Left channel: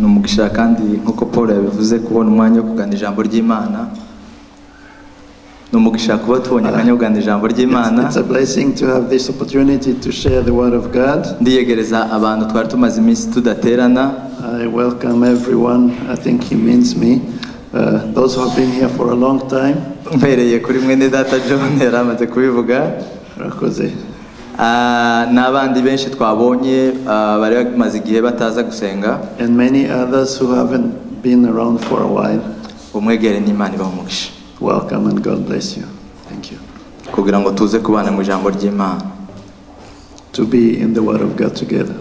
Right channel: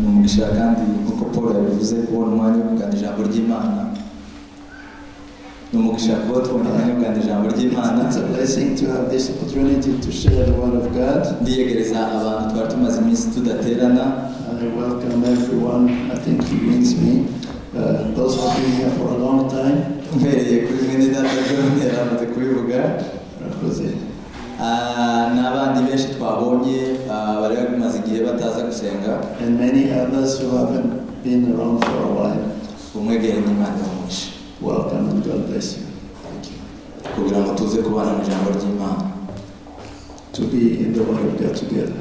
Numugisha kandi nkuko Paul yabivuze kubona umwanya wo kugana ijambo ry'Imana. Numugisha kuba tubonye akanya kugana ijambo ry'Imana. It's a blessing to have this opportunity to share the word of God. Ndiyegereza abantu twari tumaze iminsi tudaterana. I welcome everyone. I think he means me. Those who have been here for a long time. Mpereye kuri mwene data John yaramaze kubivuga. Rakoze. N'abandi benshi twabonye bari bamaze igihe bataza gusenga. And many others who haven't been around for a while. Umwegere n'Imana ibamugishe. Welcome and God bless you. Thank you. Kugira ngo tuze kubana mu ijambo ry'Imana. To be in the word of God together.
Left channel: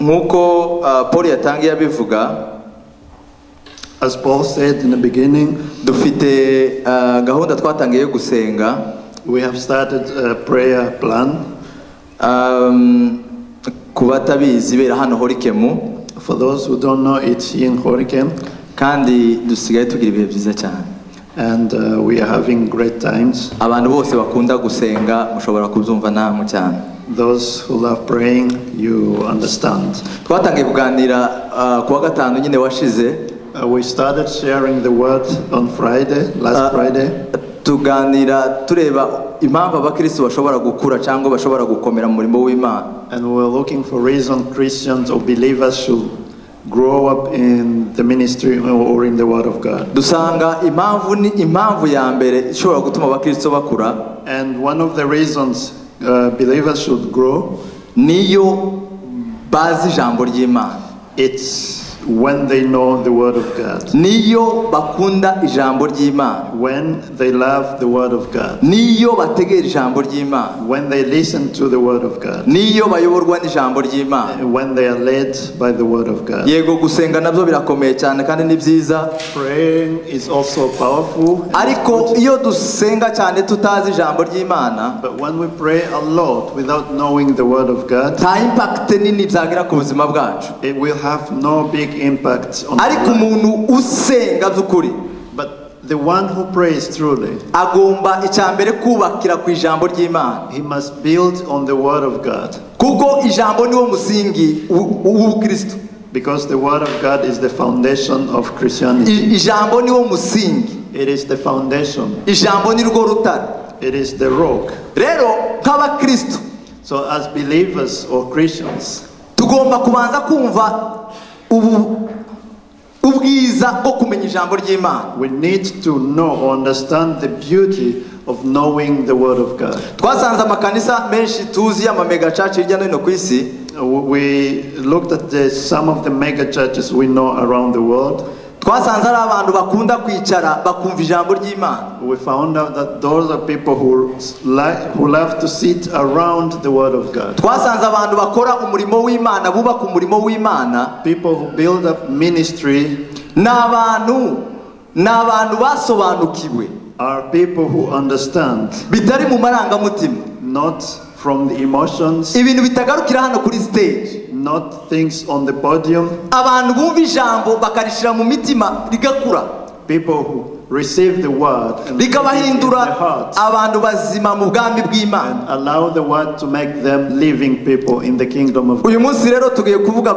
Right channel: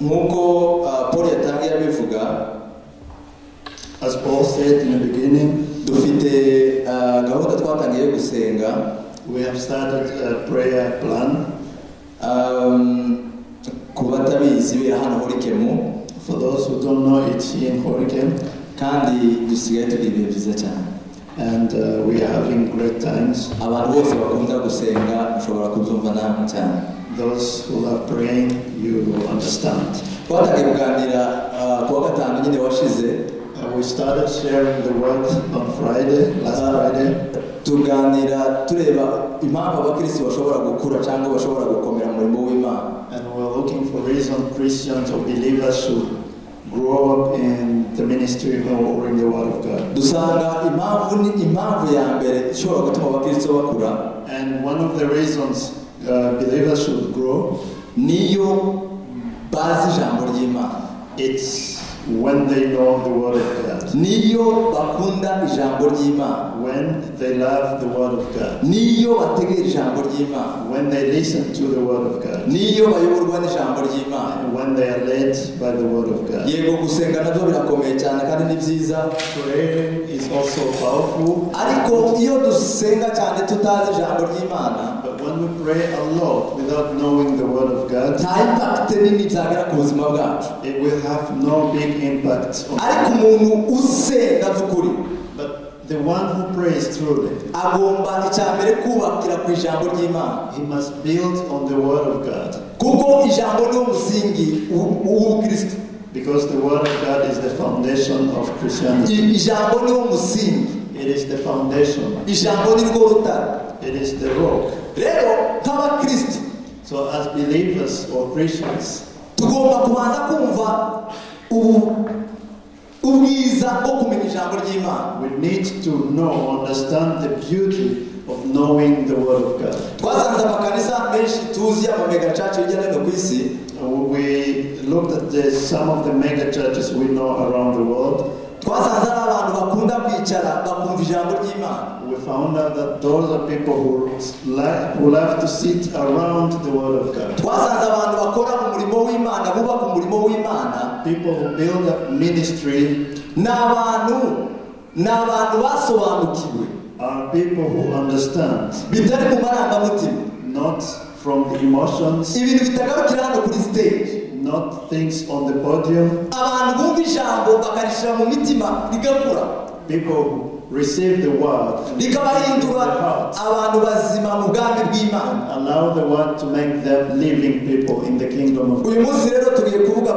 Nkuko Paul yatangiye abivuga, as Paul said in the beginning, dufite gahunda twatangiye gusenga. We have started a prayer plan. Kubatabizi bera hano Horikemu. For those who don't know, it's here in Horikem. Kandi dusigaye tugira ibihe byiza cyane. And we are having great times. Abantu bose bakunda gusenga ushobora kubyumva namwe cyane. Those who love praying, you understand. Twatangiye kuganira kuwa gatanu nyine washize. We started sharing the word on Friday, last Friday. Tuganira tureba impamvu abakristo bashobora gukura cyangwa bashobora gukomera mu murimo w'Imana. And we were looking for reason Christians or believers should grow up in the ministry or in the word of God. Dusanga impamvu ya mbere ishobora gutuma abakristo bakura. And one of the reasons believers should grow, niyo bazi ijambo ry'Imana. It's when they know the word of God. Niyo bakunda ijambo ry'Imana. When they love the word of God. Niyo bategera ijambo ry'Imana. When they listen to the word of God. Niyo bayoborwa n'ijambo ry'Imana. When they are led by the word of God. Yego gusenga nabyo birakomeye cyane kandi ni byiza. Praying is also powerful. Ariko iyo dusenga cyane tutazi ijambo ry'Imana, but when we pray a lot without knowing the word of God, nta impact nini byagira ku buzima bwacu. It will have no big impact on ariko umuntu usenga by'ukuri, but the one who prays truly, agomba icyambere kubakira ku ijambo ry'Imana. He must build on the word of God. Kuko ijambo niwo musingi w'Ukristo. Because the word of God is the foundation of Christianity. Ijambo niwo musingi. It is the foundation. Ijambo ni rwo rutare. It is the rock. Rero nk'abakristo, so as believers or Christians, tugomba kubanza kumva ubwiza bwo kumenya ijambo ry'Imana. We need to know or understand the beauty of knowing the word of God. Twasanze amakanisa menshi tuzi y'amamega church hirya no hino ku isi. We looked at some of the mega churches we know around the world. Twasanze ari abantu bakunda kwicara bakumva ijambo ry'Imana. We found out that those are people who love to sit around the word of God. Twasanze abantu bakora umurimo w'Imana, bubaka umurimo w'Imana. People who build up ministry. N'abantu basobanukiwe. Are people who understand. Bitari mu marangamutima. Not from the emotions. Ibintu bitagarukira hano kuri stage. Not things on the podium. Abantu bumva ijambo bakarishira mu mitima rigakura. People who receive the word rikabahindura abantu bazima mu bwami bw'Imana. Allow the word to make them living people in the kingdom of God. Uyu munsi rero tugiye kuvuga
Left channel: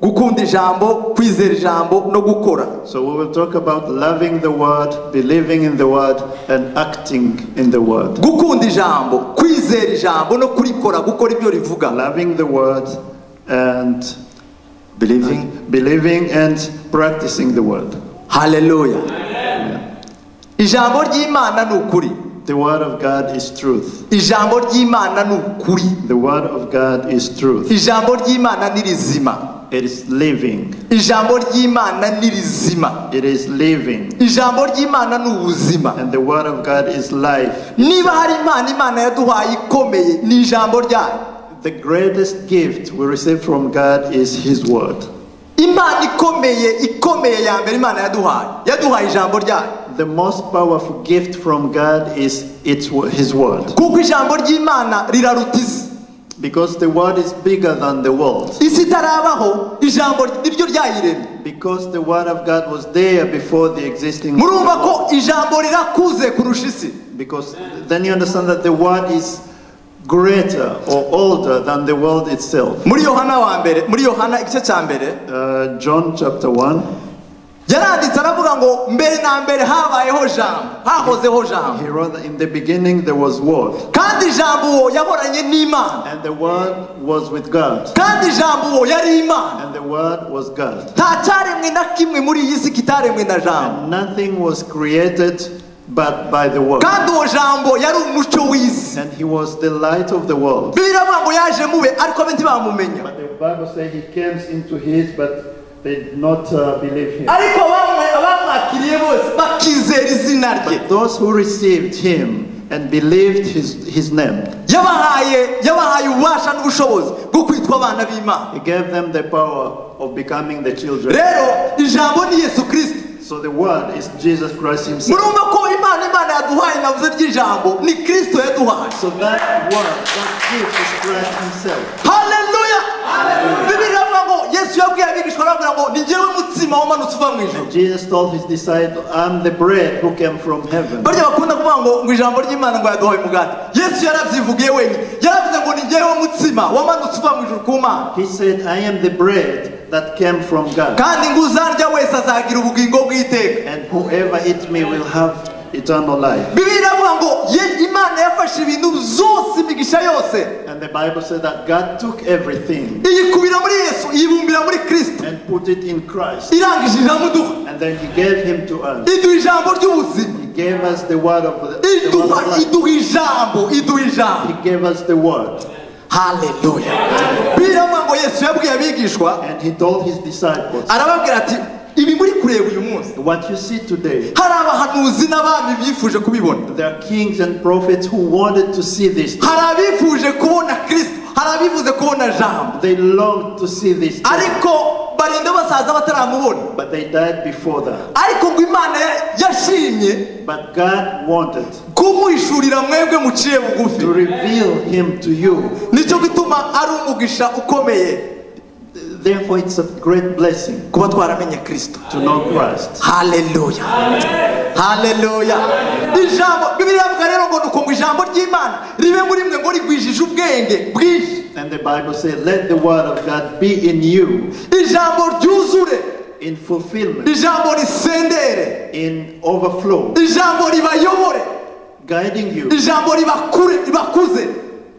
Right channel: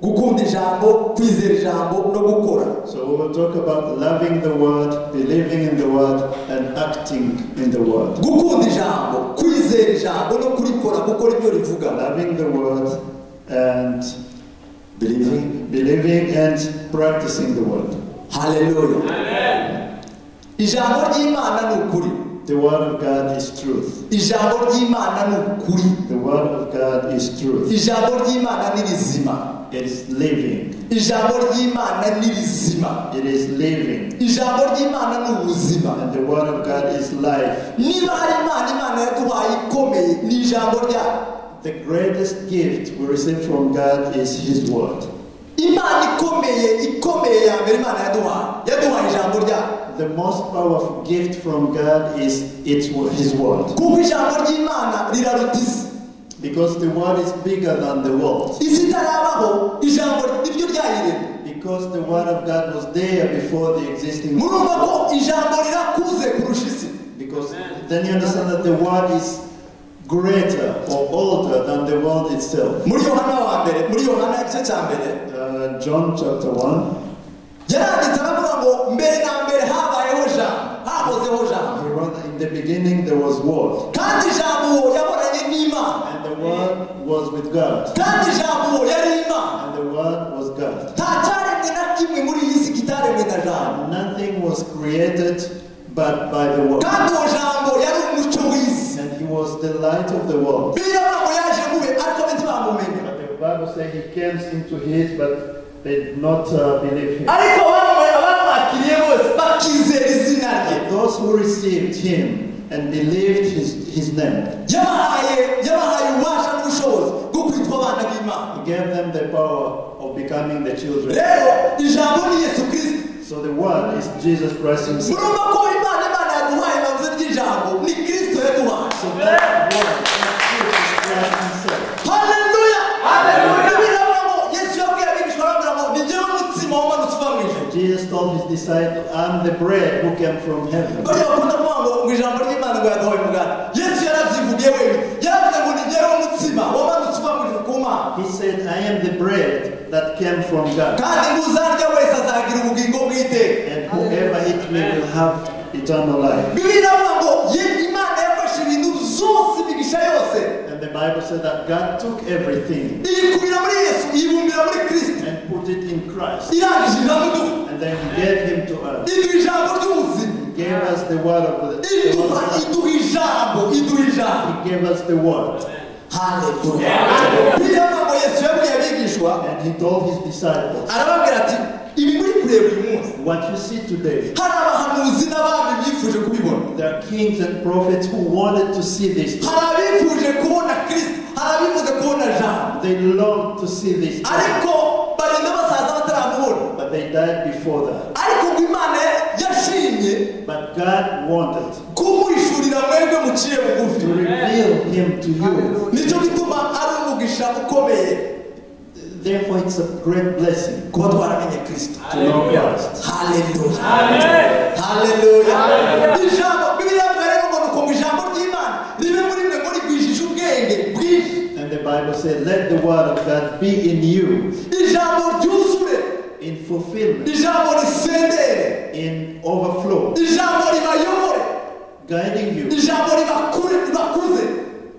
gukunda ijambo, kwizera ijambo no gukora. So we will talk about loving the word, believing in the word and acting in the word. Gukunda ijambo, kwizera ijambo no kurikora, gukora ibyo rivuga. Loving the word and believing and practicing the word. Hallelujah. Ijambo ry'Imana ni ukuri. The word of God is truth. Ijambo ry'Imana ni ukuri. The word of God is truth. Ijambo ry'Imana ni rizima. It is living. Ijambo ry'Imana ni rizima. It is living. Ijambo ry'Imana ni ubuzima. And the word of God is life. Niba hari Imana yaduhaye ikomeye ni ijambo ryayo. The greatest gift we receive from God is His word. Imana ikomeye ya mbere Imana yaduhaye ijambo ryayo. The most powerful gift from God is His word. Kuko ijambo ry'Imana riraruta isi. Because the word is bigger than the world. Isi itarabaho ijambo niryo ryayiremye. Because the word of God was there before the existing world. Murumva ko ijambo rirakuze kurusha isi. Because then you understand that the word is greater or older than the world itself. muri Yohana igice cya mbere John chapter 1. yaranditse aravuga ngo mbere na mbere habayeho jambo, hahozeho jambo, He wrote that in the beginning there was word, kandi jambo yahoranye n'Imana, and the word was with God, kandi jambo yari Imana. and the word was God. Nta cyaremwe na kimwe muri iyi si kitaremwe na jambo, Nothing was created but by the word. kandi uwo jambo yari umucyo w'isi. And he was the light of the world. Bibiliya ivuga ngo yaje mube ariko abe ntibamumenya, But the Bible says he came into his, but they did not believe him. ariko abamwakiriye bose bakizera izina rye. But those who received him and believed his name, yabahaye ububasha n'ubushobozi bwo kwitwa abana b'Imana. he gave them the power of becoming the children. Rero ijambo ni Yesu Kristo. So the word is Jesus Christ himself. murumva ko Imana yaduhaye navuze ry'ijambo ni Kristo yaduhaye. So that word, that Jesus Christ himself. Haleluya. Bibiliya ivuga ngo Yesu yabwiye abigishwa aravuga ngo ni njyewe mutsima wamanutse uva mu ijuru. Jesus told his disciples, I'm the bread who came from heaven. Barya bakunda kuvuga ngo ijambo ry'Imana ngo yaduhaye umugati. Yesu yarabyivugiye wenyine, yaravuze ngo ni njyewe mutsima wamanutse uva mu ijuru ku Mana, He said, I am the bread that came from God. kandi ngo uzarya wese azagira ubugingo bw'iteka. And whoever eats me will have eternal life. Bibiliya ivuga ngo Imana yafashe ibintu byose, imigisha yose, And the Bible said that God took everything iyikubira muri Yesu, iyibumbira muri Kristo, and put it in Christ. irangije ijambo iduha, And then he gave him to us. iduha ijambo ry'ubuzima, He gave us the word of the iduha life. iduha ijambo. He gave us the word. Haleluya. Bibiliya ivuga ngo Yesu yabwiye abigishwa, And he told his disciples, arababwira ati ibi muri kureba uyu munsi, what you see today, hari abahanuzi n'abami bifuje kubibona, there are kings and prophets who wanted to see this. hari abifuje kubona Kristo, hari abifuze kubona jambo, They longed to see this, ariko barinda basaza bataramubona. but they died before that. Ariko ngo Imana yashimye But God wanted kumuhishurira mwebwe muciye to bugufi. reveal him to you. Nicyo gituma ari umugisha ukomeye Therefore, it's a great blessing kuba twaramenye Kristo. to know Christ. Haleluya. Haleluya. Ijambo Bibiliya ivuga rero ngo nuko ngo ijambo ry'Imana ribe muri mwe ngo rigwijije ubwenge bwinshi. And the Bible says, let the word of God be in you, Ijambo ryuzure, in fulfillment, ijambo risendere, in overflow, ijambo ribayobore, guiding you, ijambo ribakuze,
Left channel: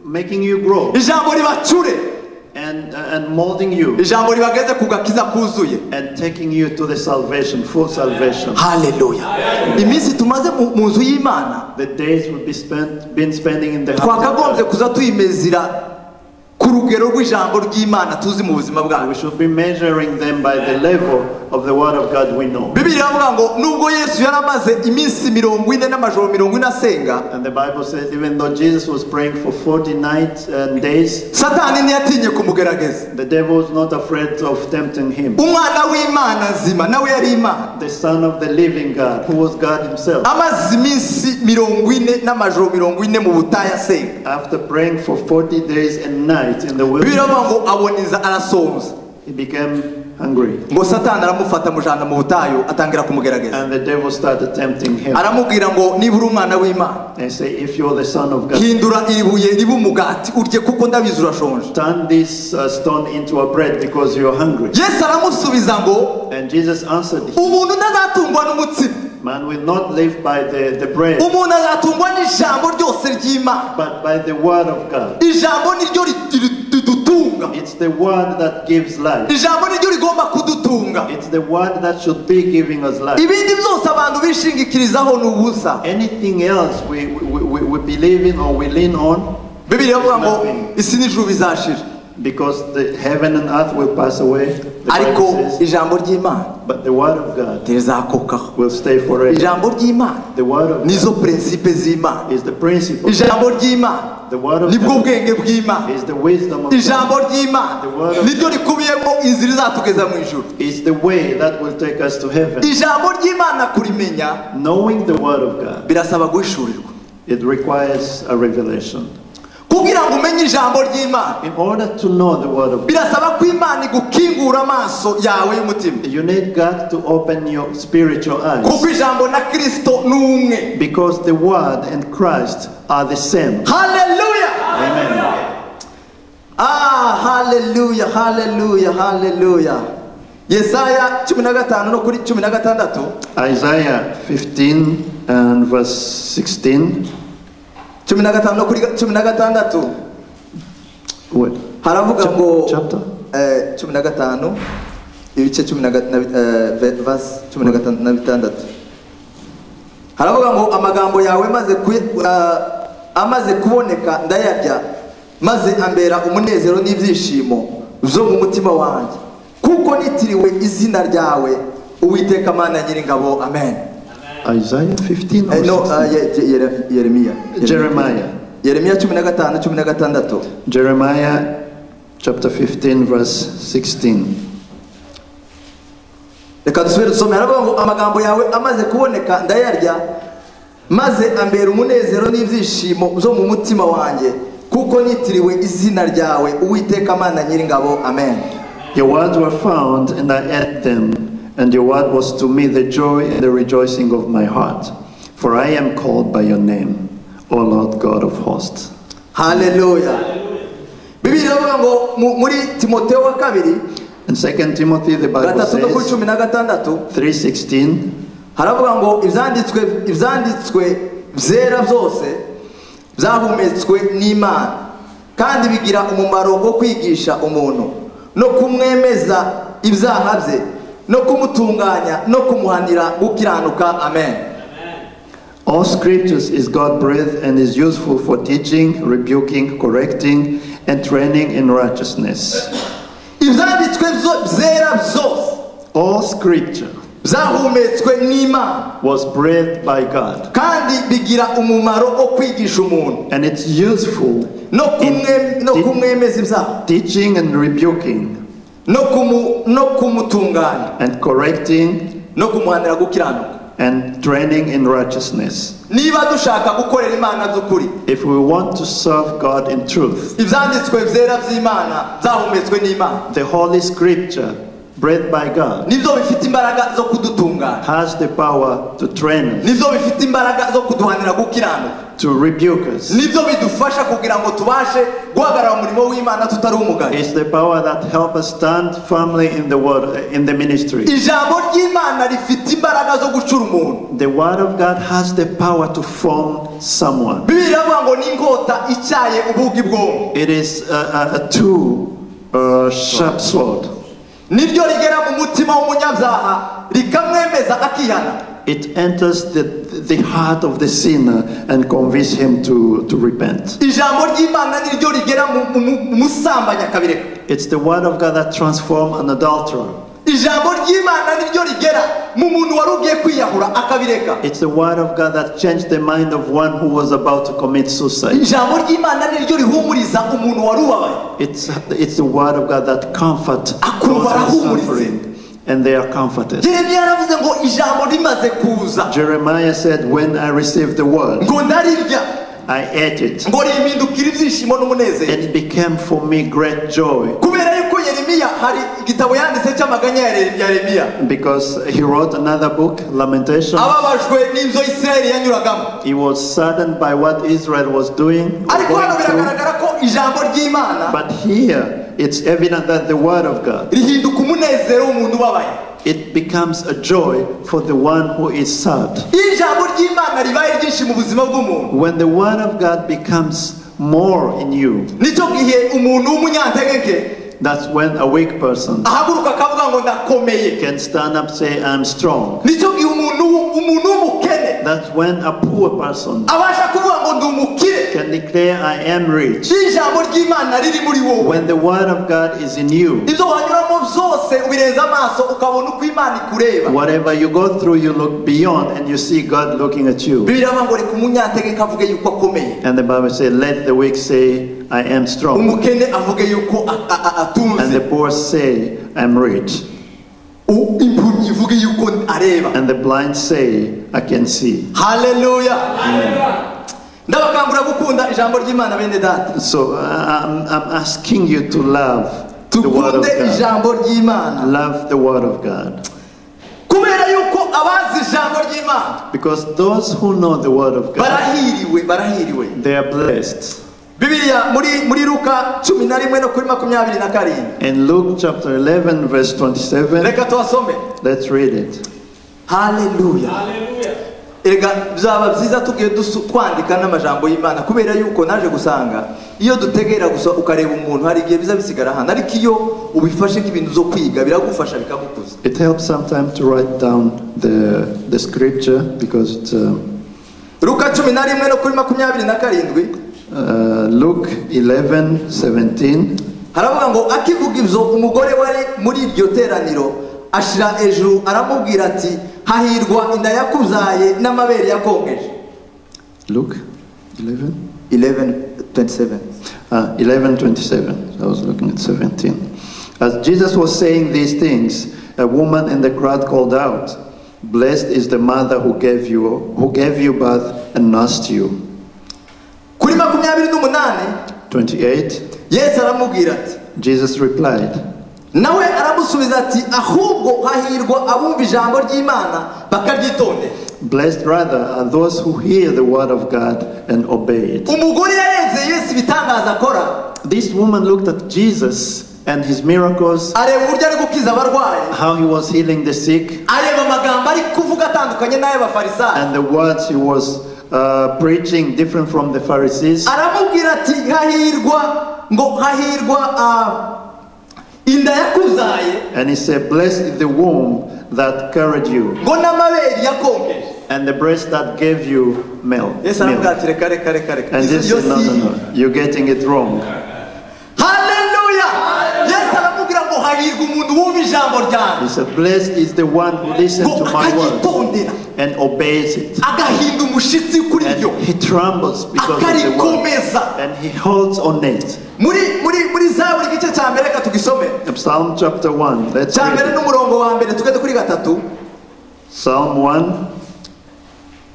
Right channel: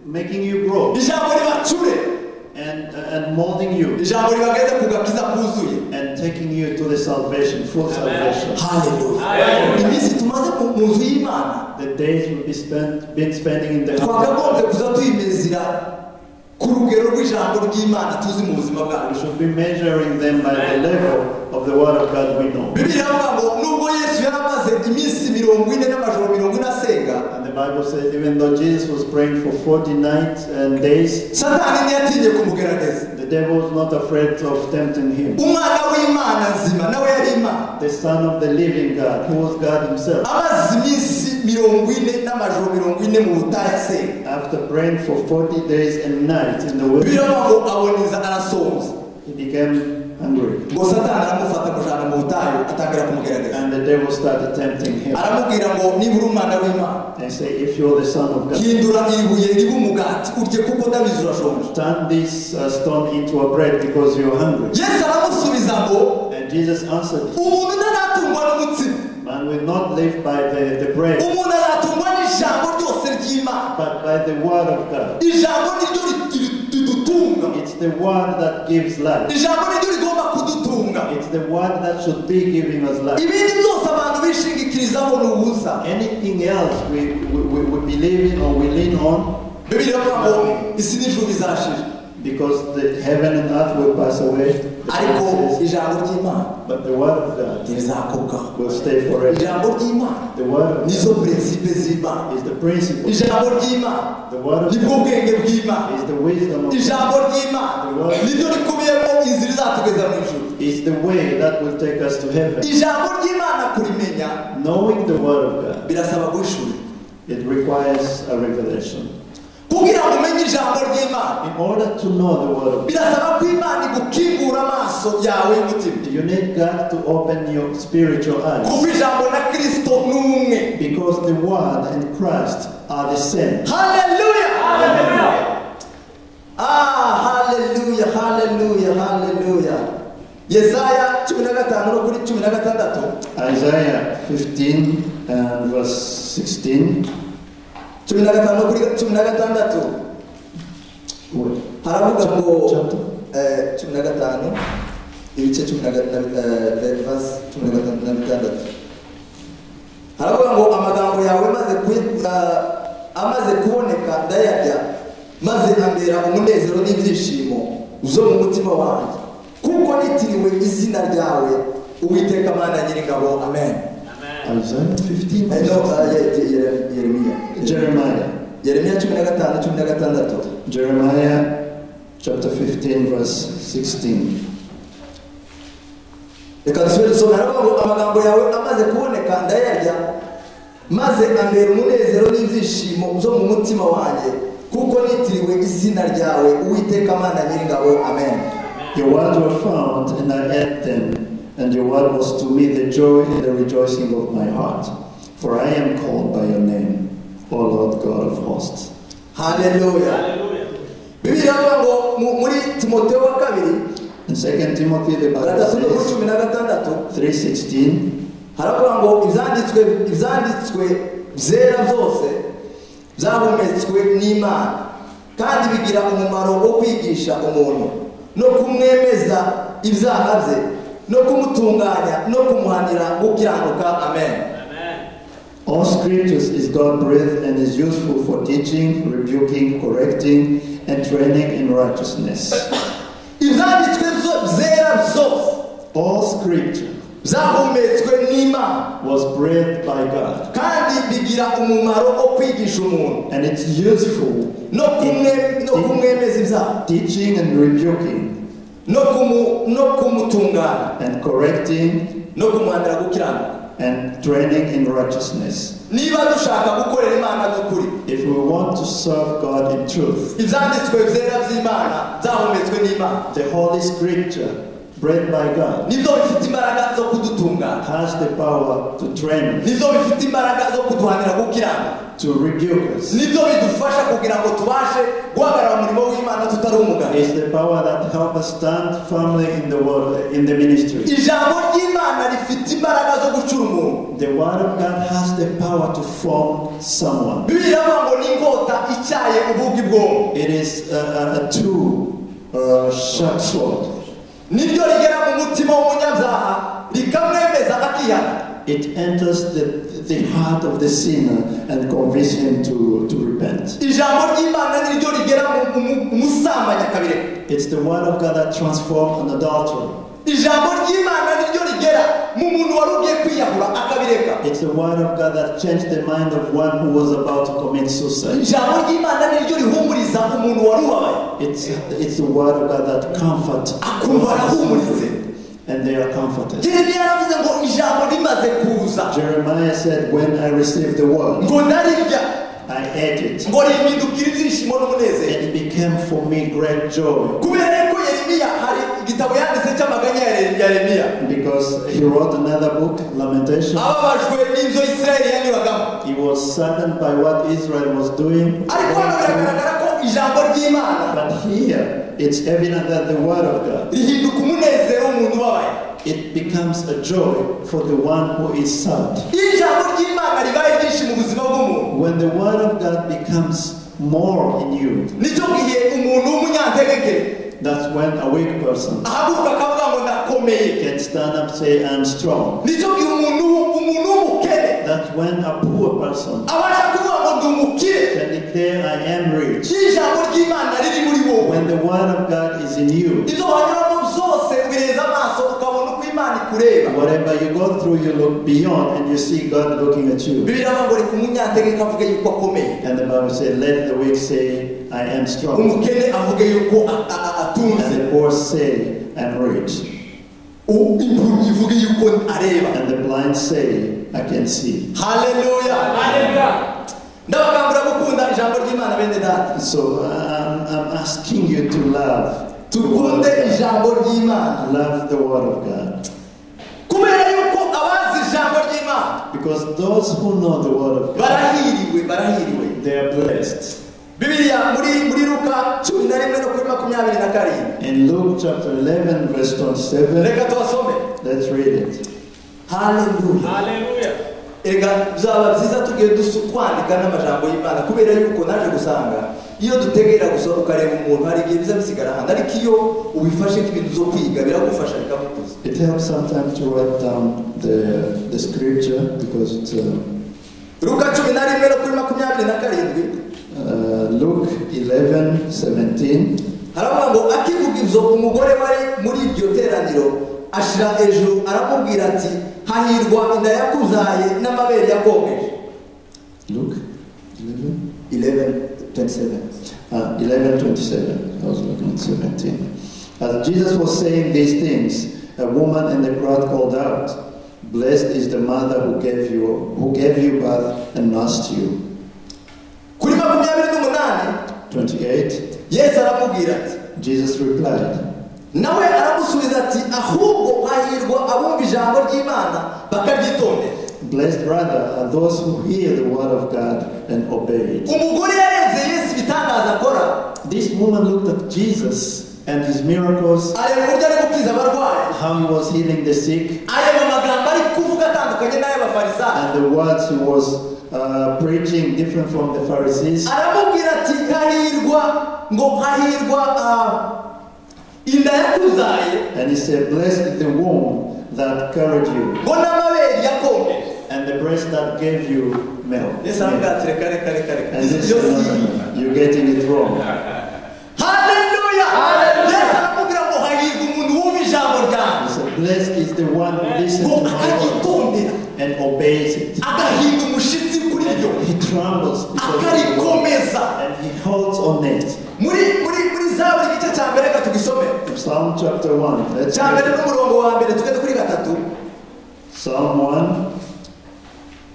making you grow, ijambo ribacure, and molding you, ijambo ribageze ku gakiza kuzuye. and taking you to the salvation, full salvation. Haleluya. Iminsi tumaze mu nzu y'Imana The days will been spending in the house of twakagombye God. kuza tuyimezira ku rugero rw'ijambo ry'Imana tuzi mu buzima We bwacu. should be measuring them by the level of the word of God we know. Bibiliya ivuga ngo nubwo Yesu yaramaze iminsi 40 n'amajoro 40 asenga, And the Bible says, even though Jesus was praying for 40 nights and days, Satani ntiyatinye kumugerageza. the devil was not afraid of tempting him. Umwana w'Imana nzima nawe yari Imana, The Son of the living God, who was God himself, amaze iminsi 40 n'amajoro 40 mu butayu asenga. after praying for 40 days and nights in the Bibiliya wilderness, ivuga ngo aboneza arasonza, he became hungry. ngo Satani aramufata amujana mu butayu atangira kumugerageza, And the devil started tempting him aramubwira ngo niba uri umwana w'Imana, and say, if you're the Son of God, hindura ibuye ribe umugati urye kuko ndabizi urashonje. turn this stone into a bread because you're hungry. Yesu aramusubiza ngo And Jesus answered, umuntu ntazatungwa n'umutsima, man will not live by the bread, umuntu azatungwa n'ijambo ryose ry'Imana. but by the word of God. Ijambo niryo ridutunga, It's the word that gives life. ijambo niryo rigomba kudutunga. It's the word that should be giving us life. Ibindi byose abantu bishingikirizaho ni ubusa. Anything else we believe in or we lean on, Bibiliya ivuga ngo isi n'ijuru bizashira, because the heaven and earth will pass away. The ariko Bible says, ijambo ry'Imana but the word of God ntirizakukaho. will stay forever. Ijambo ry'Imana The word of nizo prinsipe z'Imana. God is the principle. Ijambo ry'Imana The word of nibwo God bwenge bw'Imana. is the wisdom of God. Ijambo ry'Imana niryo rikubiyemo inzira izatugeza mu ijuru. Is the way that will take us to heaven. Ijambo ry'Imana kurimenya Knowing the word of God, birasaba guhishurirwa. it requires a revelation. kugira ngo umenye ijambo ry'Imana In order to know the word of God, birasaba ko Imana igukingura amaso yawe y'umutima you need God to open your spiritual kuko eyes. ijambo na Kristo ni umwe. Because the word and Christ are the same. Hallelujah. Hallelujah, hallelujah, hallelujah. Yesaya 15 no kuri 16. Isaiah 15 and verse 16. 15 no kuri 16. What? Haravuga ngo Chapter? 15 ibice 10 verse 16. Haravuga ngo amagambo yawe amaze kuboneka ndayarya maze ambera umunezero n'ibyishimo zo mu mutima wanjye kuko nitiriwe izina ryawe Uwiteka Mana Nyiringabo. Amen. Isaiah 15 or No, 16? Jeremiah. Yeremiya 15:16. Jeremiah chapter 15 verse 16. Reka dusubire dusome. Haravuga ngo amagambo yawe amaze kuboneka ndayarya maze ambera umunezero n'ibyishimo zo mu mutima wanjye kuko nitiriwe izina ryawe Uwiteka Mana Nyiringabo. Amen. Your words were found and I ate them, and your word was to me the joy and the rejoicing of my heart. For I am called by your name, O Lord God of hosts. Hallelujah. Bibiliya iravuga ngo muri Timoteyo wa kabiri In 2 Timothy the Bible says 3:16, haravuga ngo ibyanditswe byera byose byahumetswe n'Imana kandi bigira umumaro wo kwigisha umuntu no kumwemeza ibyaha bye no kumutunganya no kumuhanira gukiranuka. Amen. all scriptures is God-breathed and is useful for teaching, rebuking, correcting, and training in righteousness. Ibyanditswe byera byose All scripture byahumetswe n'Imana was breathed by God, kandi bigira umumaro wo kwigisha umuntu and it's useful no kumwemeza ibyaha teaching and rebuking no kumutunganya and correcting no kumuhanira gukiranuka. and training in righteousness. Niba dushaka gukorera Imana by'ukuri, If we want to serve God in truth, ibyanditswe byera by'Imana byahumetswe n'Imana the Holy Scripture, breathed by God, nibyo bifite imbaraga zo kudutunganya, has the power to train us, nibyo bifite imbaraga zo kuduhanira gukiranuka, to rebuke us. nibyo bidufasha kugira ngo tubashe guhagarara mu murimo w'Imana tutari umugayo. It's the power that helps us stand firmly in the word, in the ministry. Ijambo ry'Imana rifite imbaraga zo gucura umuntu. The word of God has the power to form someone. Bibiliya iravuga ngo ni inkota icyaye ubugi bw'umuntu. It is a two-sharp sword. Niryo rigera mu mutima w'umunyabyaha rikamwemeza akihana. It enters the heart of the sinner and convinces him to repent. Ijambo ry'Imana niryo rigera mu musambanyi akabireka. It's the word of God that transforms an adulterer. Ijambo ry'Imana niryo rigera mu muntu wari ugiye kwiyahura akabireka. It's the word of God that changed the mind of one who was about to commit suicide. Ijambo ry'Imana niryo rihumuriza umuntu wari ubabaye. It's the word of God that comforts akumva arahumuritse, and they are comforted. Yeremiya yaravuze ngo ijambo rimaze kuza Jeremiah said, when I received the word, ngo ndarirya I ate it, ngo rimpindukira ibyishimo n'umunezero. and it became for me great joy. Kubera ko Yeremiya hari igitabo yanditse cy'amaganya ya Yeremiya, Because he wrote another book, Lamentation. ababajwe n'ibyo Isirayeli yanyuragamo. He was saddened by what Israel was doing. Ariko hano biragaragara ko ijambo ry'Imana But here, it's evident that the word of God, rihinduka umunezero w'umuntu ubabaye. it becomes a joy for the one who is sad. Iyo ijambo ry'Imana ribaye ryinshi mu buzima bw'umuntu, When the word of God becomes more in you, nicyo gihe umuntu w'umunyantegeke that's when a weak person ahaguruka akavuga ngo ndakomeye. can stand up and say, I'm strong. Nicyo gihe umuntu w'umukene That's when a poor person abasha kuvuga ngo ndi umukire. can declare, I am rich. Iyo ijambo ry'Imana riri muri wowe, When the word of God is in you, ibyo wanyuramo byose ubireza amaso ukabona uko Imana ikureba. whatever you go through, you look beyond and you see God looking at you. Bibiliya iravuga ngo reka umunyantegeka avuge yuko akomeye, And the Bible says, let the weak say, I am strong. umukene avuge yuko And atunze, the poor say, I'm rich. impumyi ivuge yuko areba. And the blind say, I can see. Haleluya. ndabakangura gukunda ijambo ry'Imana bene data. So I'm asking you to love the word of Tukunde God. ijambo ry'Imana. Love the word of God. Kubera yuko abazi ijambo ry'Imana Because those who know the word of God, barahiriwe. they are blessed. Bibiliya muri Luka 11 no kuri 27. In Luke chapter 11 verse 27, Reka tuwasome. let's read it. Hallelujah. Ega byaba byiza tugiye kwandika n'amajambo y'Imana kubera yuko naje gusanga iyo dutegera gusa ukareba umuntu hari igihe biza bisigara hano, ariko iyo ubifashe nk'ibintu zo kwiga biragufasha bikagukuza. It helps sometimes to write down the scripture because it's Luka 11 no kuri 27. Luke 11:17. Haravuga ngo akivuga ibyo umugore wari muri iryo teraniro ashira ejuru aramubwira ati hahirwa inda yakuzaye n'amabere yakongeje. Luke 11:27. 11:27. I was looking at 17. As Jesus was saying these things, a woman in the crowd called out, "Blessed is the mother who gave you birth and nursed you." Kuri 28 28. Yesu aramubwira ati, Jesus replied, nawe aramusubiza ati ahubwo hahirwa abumva ijambo ry'Imana bakaryitondera. "Blessed rather are those who hear the word of God and obey it." Umugore yarenze Yesu ibitangaza akora. This woman looked at Jesus and his miracles, Areba uburyo ari gukiza abarwayi. how he was healing the sick, Areba amagambo ari kuvuga atandukanye n'ay'abafarisayo. and the words he was preaching different from the Pharisees. Aramubwira ati hahirwa inda yakuzaye And he said, "Blessed is the womb that carried you, ngo n'amabere yakongeje. and the breast that gave you milk." Yesu aramubwira ati reka reka And this, Iyo no, si no, no, you're getting it wrong. Haleluya. Yesu aramubwira ngo hahirwa umuntu wumva ijambo He ryanjye said, "Blessed is the one who listens ngo to my word akagitondera and obeys it." agahinda umushyitsi kuri ryo And he trembles because of the word, akarikomeza. and he holds on it. muri Zaburi igice cya mbere reka tugisome. Psalm chapter 1. Let's Cya mbere read it. n'umurongo wa mbere tugeze kuri 3. Psalm 1.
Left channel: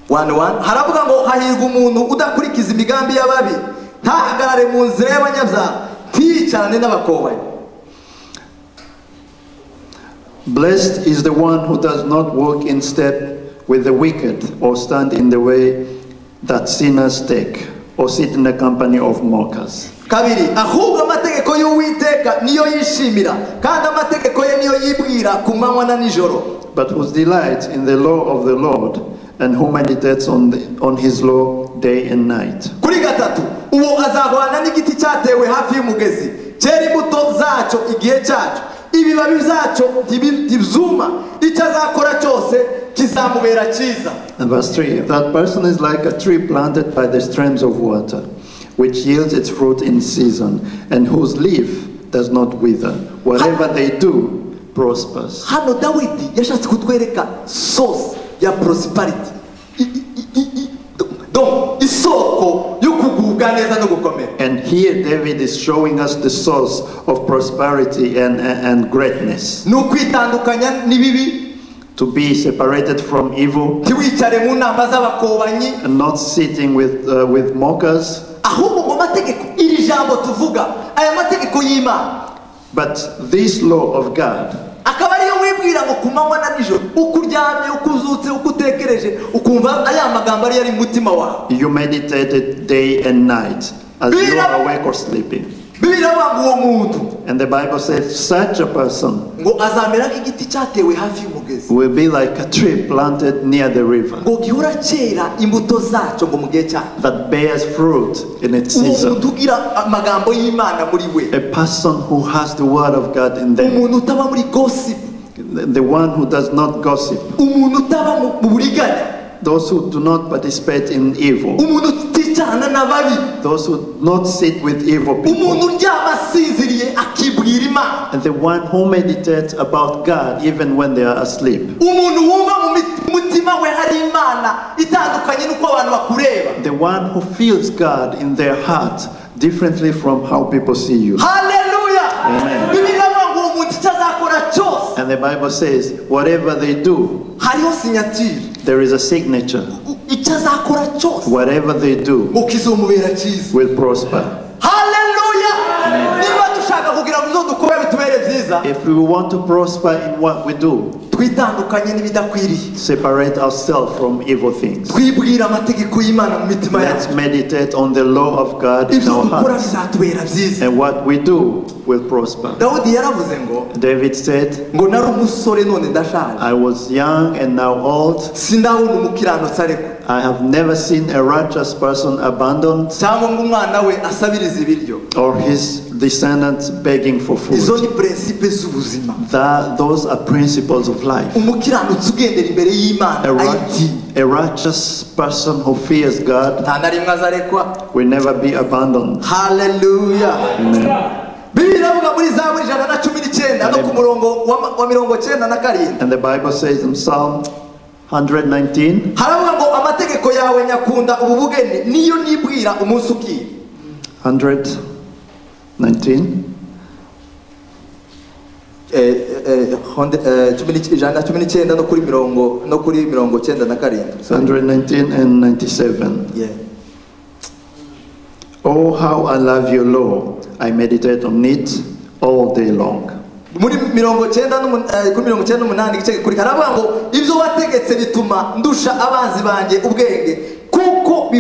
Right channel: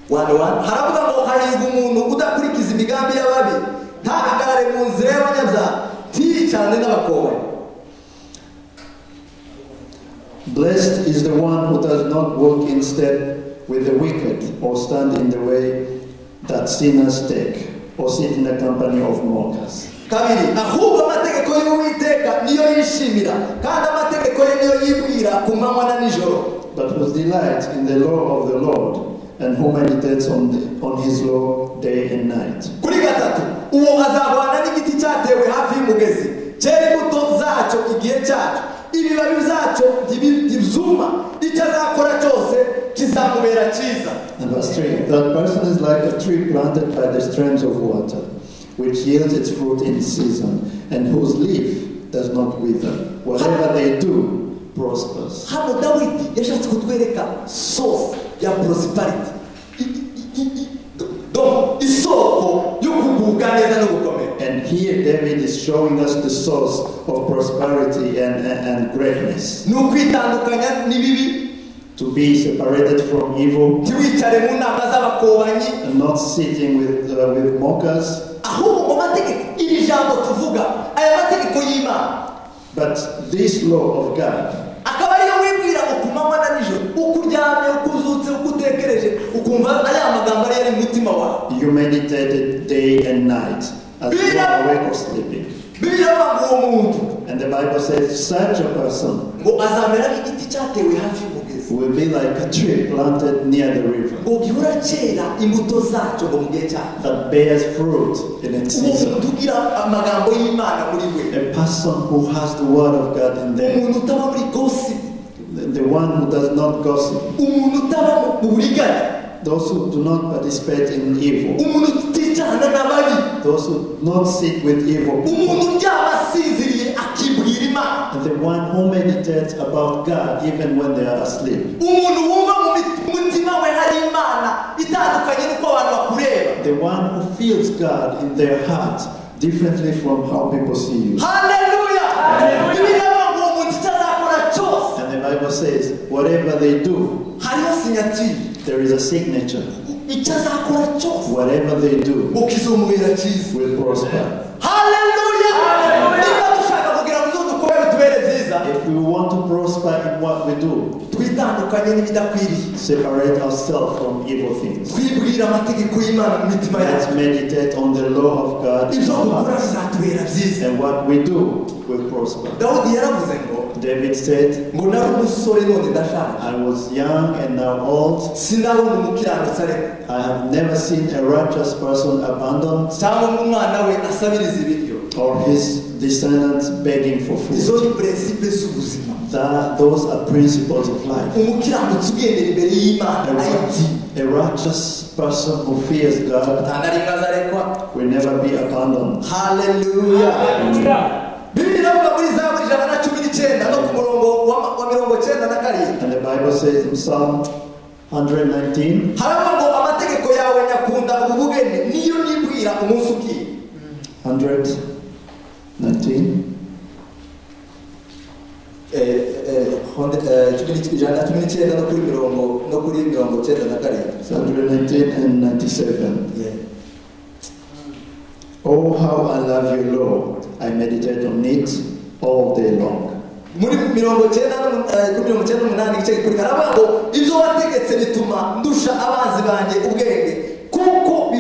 1:1 haravuga ngo hahirwa umuntu udakurikiza imigambi y'ababi, ntahagarare mu nzira y'abanyabyaha, ntiyicarane n'abakobanyi. Blessed is the one who does not walk in step with the wicked, or stand in the way that sinners take, or sit in the company of mockers. Kabiri, ahubwo amategeko y'Uwiteka niyo yishimira, kandi amategeko ye niyo yibwira ku manywa na nijoro. But whose delight in the law of the Lord, and who meditates on his law day and night. Kuri 3, uwo azahwana n'igiti cyatewe hafi y'umugezi, cyera imbuto zacyo igihe cyacu, ibibabi zacyo ntibizuma, icyo azakora cyose kizamubera cyiza. And verse 3, that person is like a tree planted by the streams of water, which yields its fruit in season, and whose leaf does not wither. Whatever they do prospers. Hano Dawidi yashatse kutwereka source ya prosperity, donc isoko yo kugubwa neza no gukomera. And here David is showing us the source of prosperity and greatness. Ni ukwitandukanya n'ibibi, To be separated from evil, ntiwicare mu nama z'abakobanyi, and not sitting with mockers. ahubwo mu mategeko iri jambo tuvuga, aya mategeko y'Imana, But this law of God, akaba ariyo wibwira ngo ku manywa na nijoro, uko uryamye, uko uzutse, uko utekereje, ukumva aya magambo ari mu mutima wawe. you meditate it day and night as you are awake or sleeping. Bibiliya ivuga ngo uwo muntu And the Bible says such a person ngo azamera nk'igiti cyatewe hafi y'umugezi, will be like a tree planted near the river ngo gihora cyera imbuto zacyo ngo mu gihe cyayo. that bears fruit in its Uwo season. muntu ugira amagambo y'Imana muri we, A person who has the word of God in them. umuntu utaba muri gossip, The one who does not gossip. umuntu utaba mu buriganya, Those who do not participate in evil. umuntu uticarana n'ababi, Those who do not sit with evil people. umuntu uryama asinziriye akibwira Imana, And the one who meditates about God even when they are asleep. umuntu wumva mu mutima we hari Imana itandukanye n'uko abantu bakureba. The one who feels God in their heart differently from how people see you. Haleluya. Bibiliya ivuga ngo uwo muntu icyo azakora cyose And the Bible says, whatever they do, hariho signature. there is a signature. icyo azakora cyose whatever they do ngo kizomubera cyiza. will prosper. Haleluya! Niba dushaka kugira ngo ibyo dukora bitubere byiza, If we want to prosper in what we do, twitandukanye n'ibidakwiriye, separate ourselves from evil things. twibwira amategeko y'Imana mu mitima Let's yacu, meditate on the law of God in ibyo our dukora hearts. bizatubera byiza. And what we do will prosper. Dawudi yaravuze ngo David said, ngo nari umusore none ndashaje, I was young and now old. sindabona umukiranutsi ariko I have never seen a righteous person abandoned cyangwa ngo umwana we asabiriza ibiryo. or his descendants begging for Izo food. ni prinsipe z'ubuzima. Those are principles of life. Umukiranutsi ugendera imbere y'Imana ayitinya, A righteous person who fears God nta na rimwe azarekwa. will never be abandoned. Haleluya! Bibiliya iravuga muri Zaburi 119 no ku murongo wa 97. And the Bible says in Psalm 119, haravuga ngo amategeko yawe nyakunda ububugeni niyo nibwira umunsi ukiye. 119, 19 no kuri mirongo 97. 119 and 97. Yeah. Oh, how I love your law. I meditate on it all day long. Muri 98 igice kuri haravuga ngo ibyo wategetse bituma ndusha abanzi banjye ubwenge kuko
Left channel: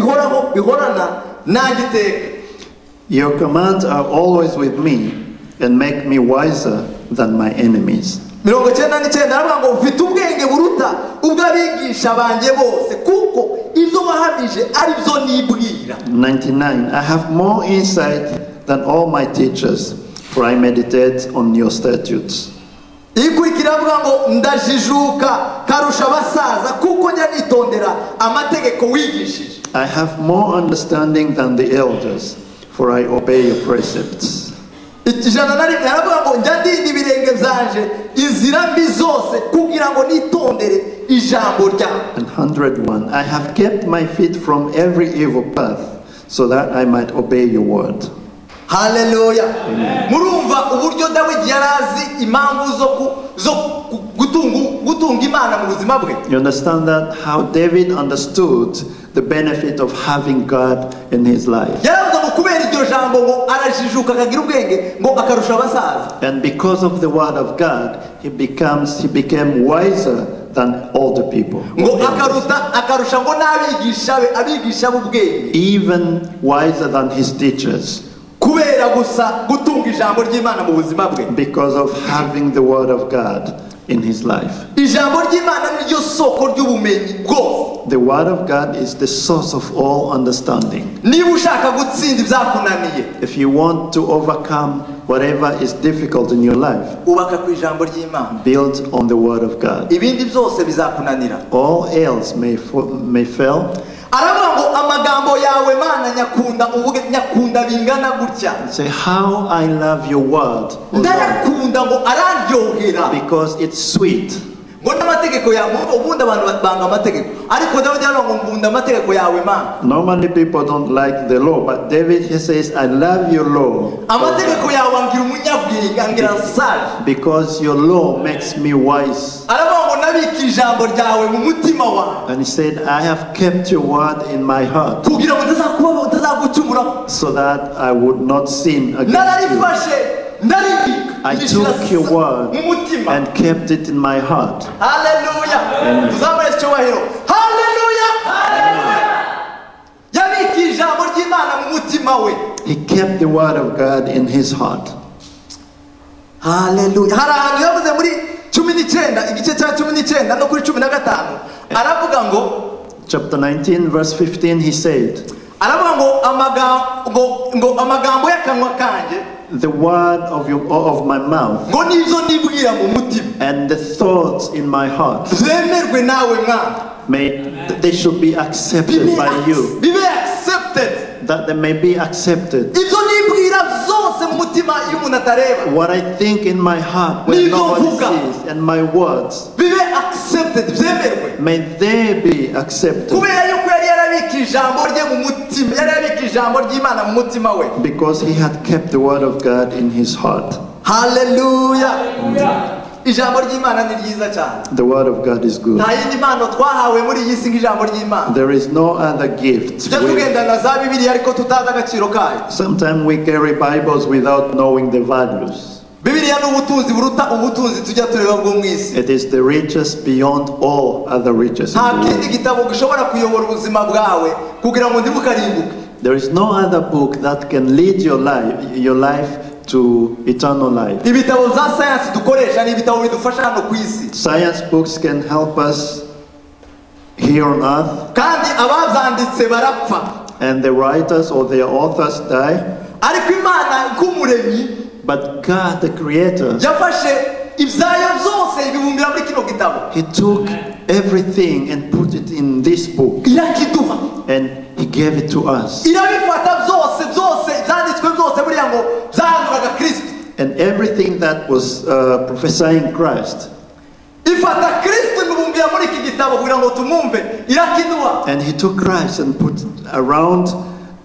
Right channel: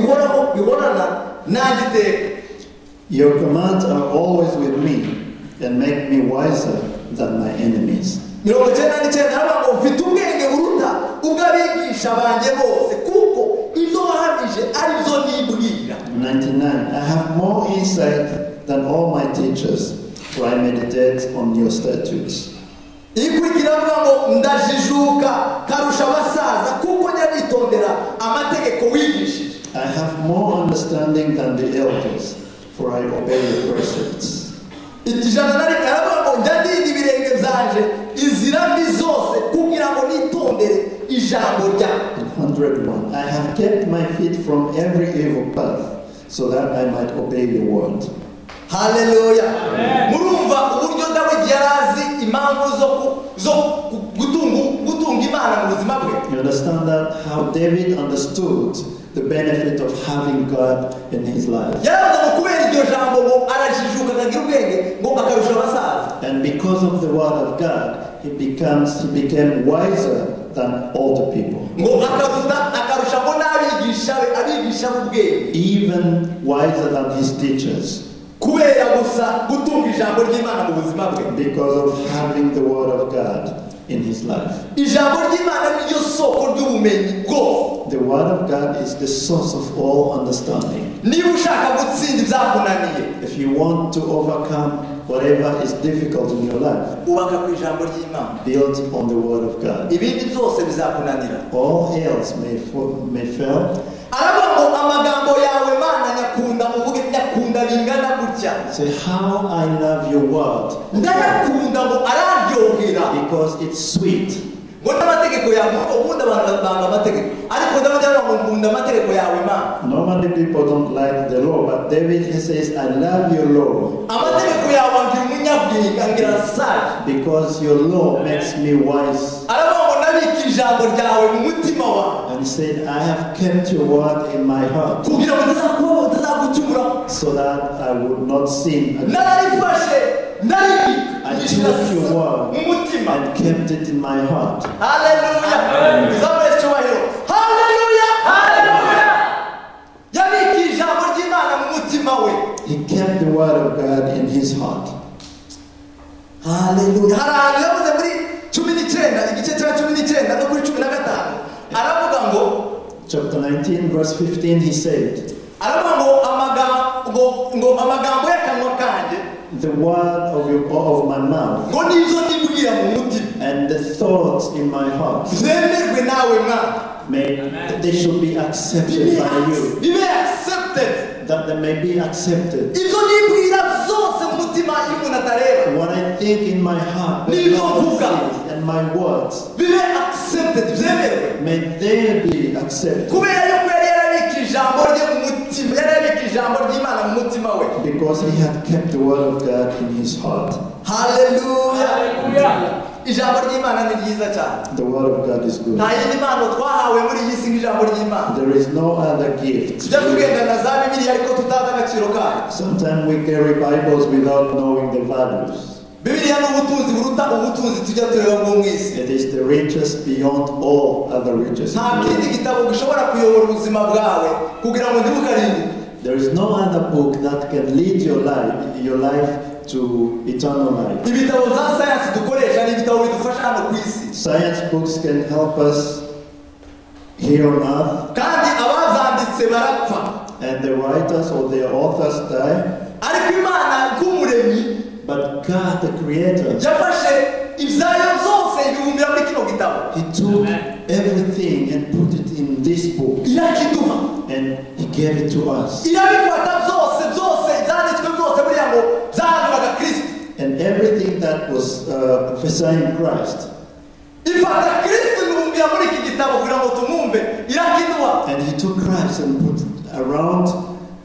bihorana nanjye iteka. Your commands are always with me and make me wiser than my enemies. 99 haravuga ngo ufite ubwenge buruta ubw'abigisha banjye bose kuko ibyo wahamije ari byo nibwira. 99. I have more insight than all my teachers, for I meditate on your statutes. ikurikira avuga ngo ndajijuka karusha abasaza kuko njya nitondera amategeko wigishije. I have more understanding than the elders, for I obey your precepts. Ijana na rimwe haravuga ngo njya ndinda ibirenge byanje inzira mbi zose kugira ngo nitondere ijambo ryawe. And 101. I have kept my feet from every evil path, so that I might obey your word. Haleluya! Murumva uburyo Dawidi yarazi impamvu zo gutunga Imana mu buzima bwe. You understand that? How David understood the benefit of having God in his life. Yaravuze ngo kubera iryo jambo ngo arajijuka akagira ubwenge ngo akarusha abasaza. And because of the word of God, he became wiser than all the people. Ngo akarusha ngo n'abigisha be abigisha b'ubwenge. Even wiser than his teachers. Kubera gusa gutunga ijambo ry'Imana mu buzima bwe. Because of having the word of God in his life. Ijambo ry'Imana niryo soko ry'ubumenyi bwose. The word of God is the source of all understanding. Niba ushaka gutsinda ibyakunaniye, If you want to overcome whatever is difficult in your life, ubaka ku ijambo ry'Imana. build on the word of God. Ibindi byose bizakunanira. All else may fail. Aravuga ngo amagambo yawe Mana nyakunda uvuge nyakunda bingana gutya. Say, how I love your word, Ndayakunda ngo araryohera. because it's sweet. Ngo n'amategeko yawe ubundi abantu banga amategeko. Ariko Dawidi aravuga ngo nkunda amategeko yawe Mana. Normally people don't like the law, but David, he says, I love your law Amategeko yawe angira umunyabwenge angira sage. because your law makes me wise. Aravuga ngo nabika ijambo ryawe mu mutima wawe. And he said, I have kept your word in my heart Kugira ngo utazagucumuraho. so that I would not sin against you. Nararifashe ndaribika. I took your word mu mutima. and kept it in my heart. Haleluya. Tuzamure icyubahiro. Haleluya. Haleluya. Yabika ijambo ry'Imana mu mutima we. He kept the word of God in his heart. Haleluya. Hari ahantu yavuze muri 19 igice cya 19 no kuri 15 aravuga ngo Chapter 19, verse 15, he said, aravuga ngo amagambo y'akanwa kanjye the word of my mouth ngo nizo nibwira mu mutima and the thoughts in my heart, zemerwe nawe Mwana. they should be accepted by you, Bibe accepted. that they may be accepted. Ibyo nibwira zose mu mutima y'umuntu atareba. What I think in my heart when nobody sees, and my words, Bibe accepted, byemerwe. may they be accepted. Kubera yuko yari yarabika ijambo rye mu mutima, yari yarabika ijambo ry'Imana mu mutima we. Because he had kept the word of God in his heart. Haleluya. ijambo ry'Imana ni ryiza cyane. The word of God is good. Nta yindi mpano twahawe muri iyi si nk'ijambo ry'Imana. There is no other gift. Tujya tugendana za Bibiliya ariko tutazi agaciro kayo. Sometimes we carry Bibles without knowing the values. Bibiliya ni ubutunzi buruta ubutunzi tujya tureba bwo mu isi. It is the richest beyond all other riches. Nta kindi gitabo gishobora kuyobora ubuzima bwawe kugira ngo ntibukarimbuke. There is no other book that can lead your life to eternal life. Ibitabo za science dukoresha ni ibitabo bidufasha hano ku isi. Science books can help us here on earth. Kandi abazanditse barapfa. And the writers or their authors die. Ariko Imana nk'umuremyi, but God the Creator, yafashe ibyayo byose ibibumbira muri kino gitabo. He took everything and put it in this book. Irakiduha. And He gave it to us. Irabifata byose byanditswe byose buriya ngo byaguraga Kristo. And everything that was prophesying Christ. Ifata Kristo ibibumbira muri iki gitabo kugira ngo tumwumve. Irakiduha. And He took Christ and put around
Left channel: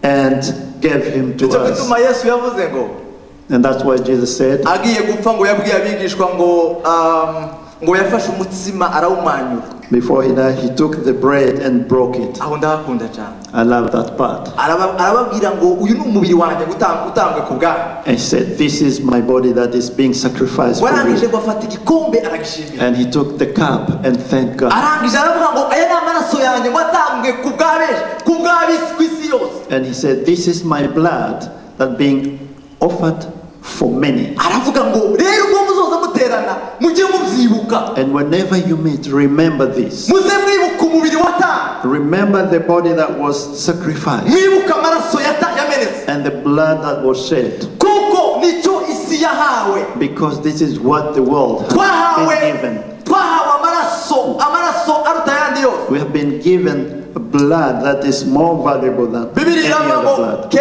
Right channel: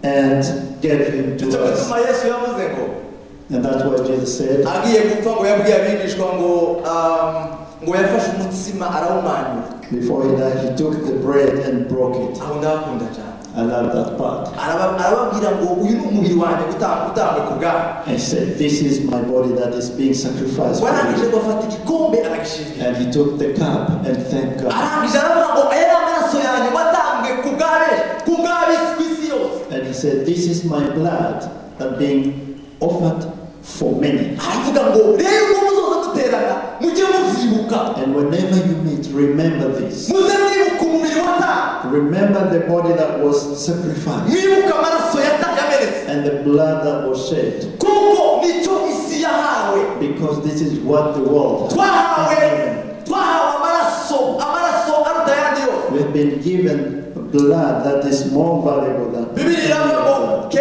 and gave Him to us. Yesu yavuze ngo, and that's why Jesus said, agiye gupfa ngo yabwiye abigishwa ngo yafashe umutsima arawumanyura. Before He died, He took the bread and broke it. Aho ndakunda cyane. I love that part. Arababwira ngo uyu ni umubiri wanjye utangwe ku bwawe. And He said, this is my body that is being sacrificed for warangije you. gufata igikombe aragishimira. And He took the cup and thanked God. Arangije aravuga ngo aya ni amaraso yanjye watangwe ku bw'ab'isi ku isi yose. And He said, this is my blood that being offered for many. Aravuga ngo rero ubwo muzoza muterana mujye mubyibuka. And whenever you meet, remember this. Muze mwibuka umubiri watangwe. Remember the body that was sacrificed. Mwibuka amaraso yamenetse. And the blood that was shed. Kuko nicyo isi yahawe. Because this is what the world has been given. Twahawe amaraso aruta ayandi yose. We have been given a blood that is more valuable than any other blood.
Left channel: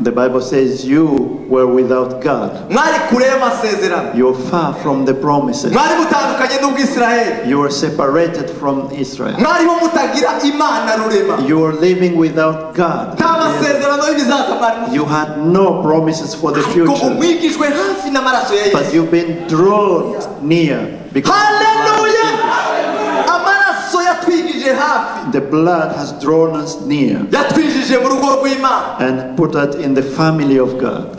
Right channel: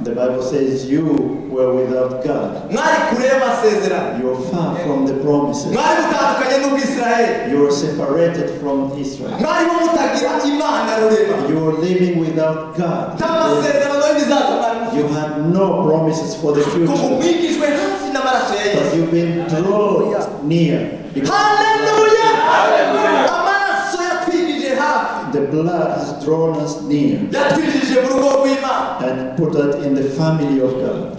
The Bible says you were without God. You were far from the promises. You were separated from Israel. You were living without God. You had no promises for the future. But you've been drawn near. Hallelujah! The blood has drawn us near and put us in the family of God.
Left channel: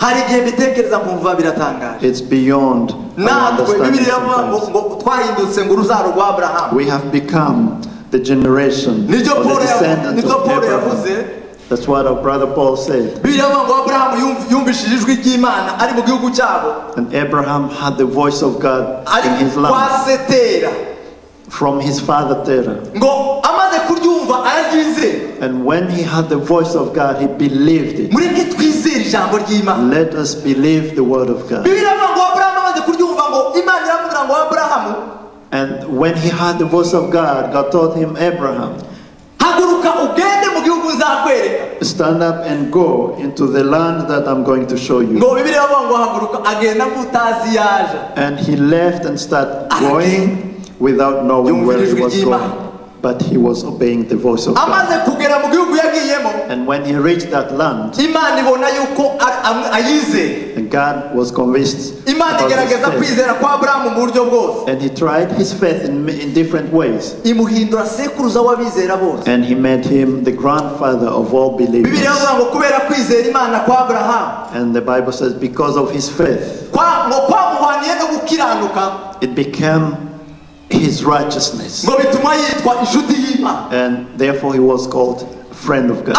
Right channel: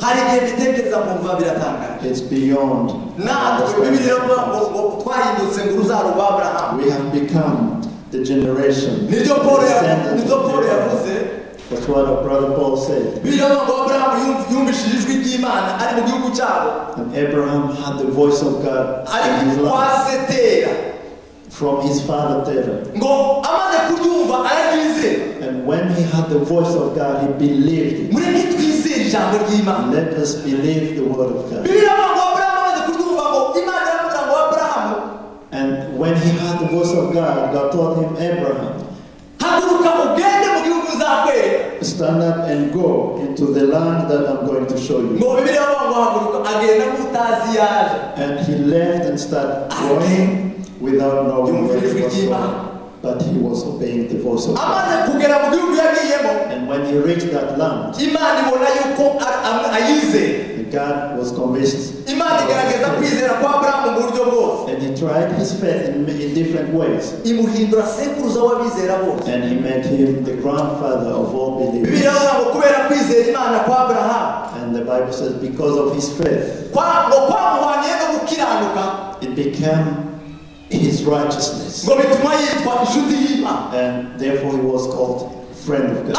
It's beyond understanding. We have become the generation, the descendants of Abraham. That's what our brother Paul said. And Abraham had the voice of God in his land from his father Terah. And when he had the voice of God, he believed it. Let us believe the word of God. And when he heard the voice of God, God told him, Abraham, stand up and go into the land that I'm going to show you. And he left and started going without knowing where he was going. But he was obeying the voice of God. And when he reached that land, and God was convinced about his faith. And he tried his faith in different ways. And he made him the grandfather of all believers. And the Bible says because of his faith, it became his righteousness. And therefore he was called friend of God.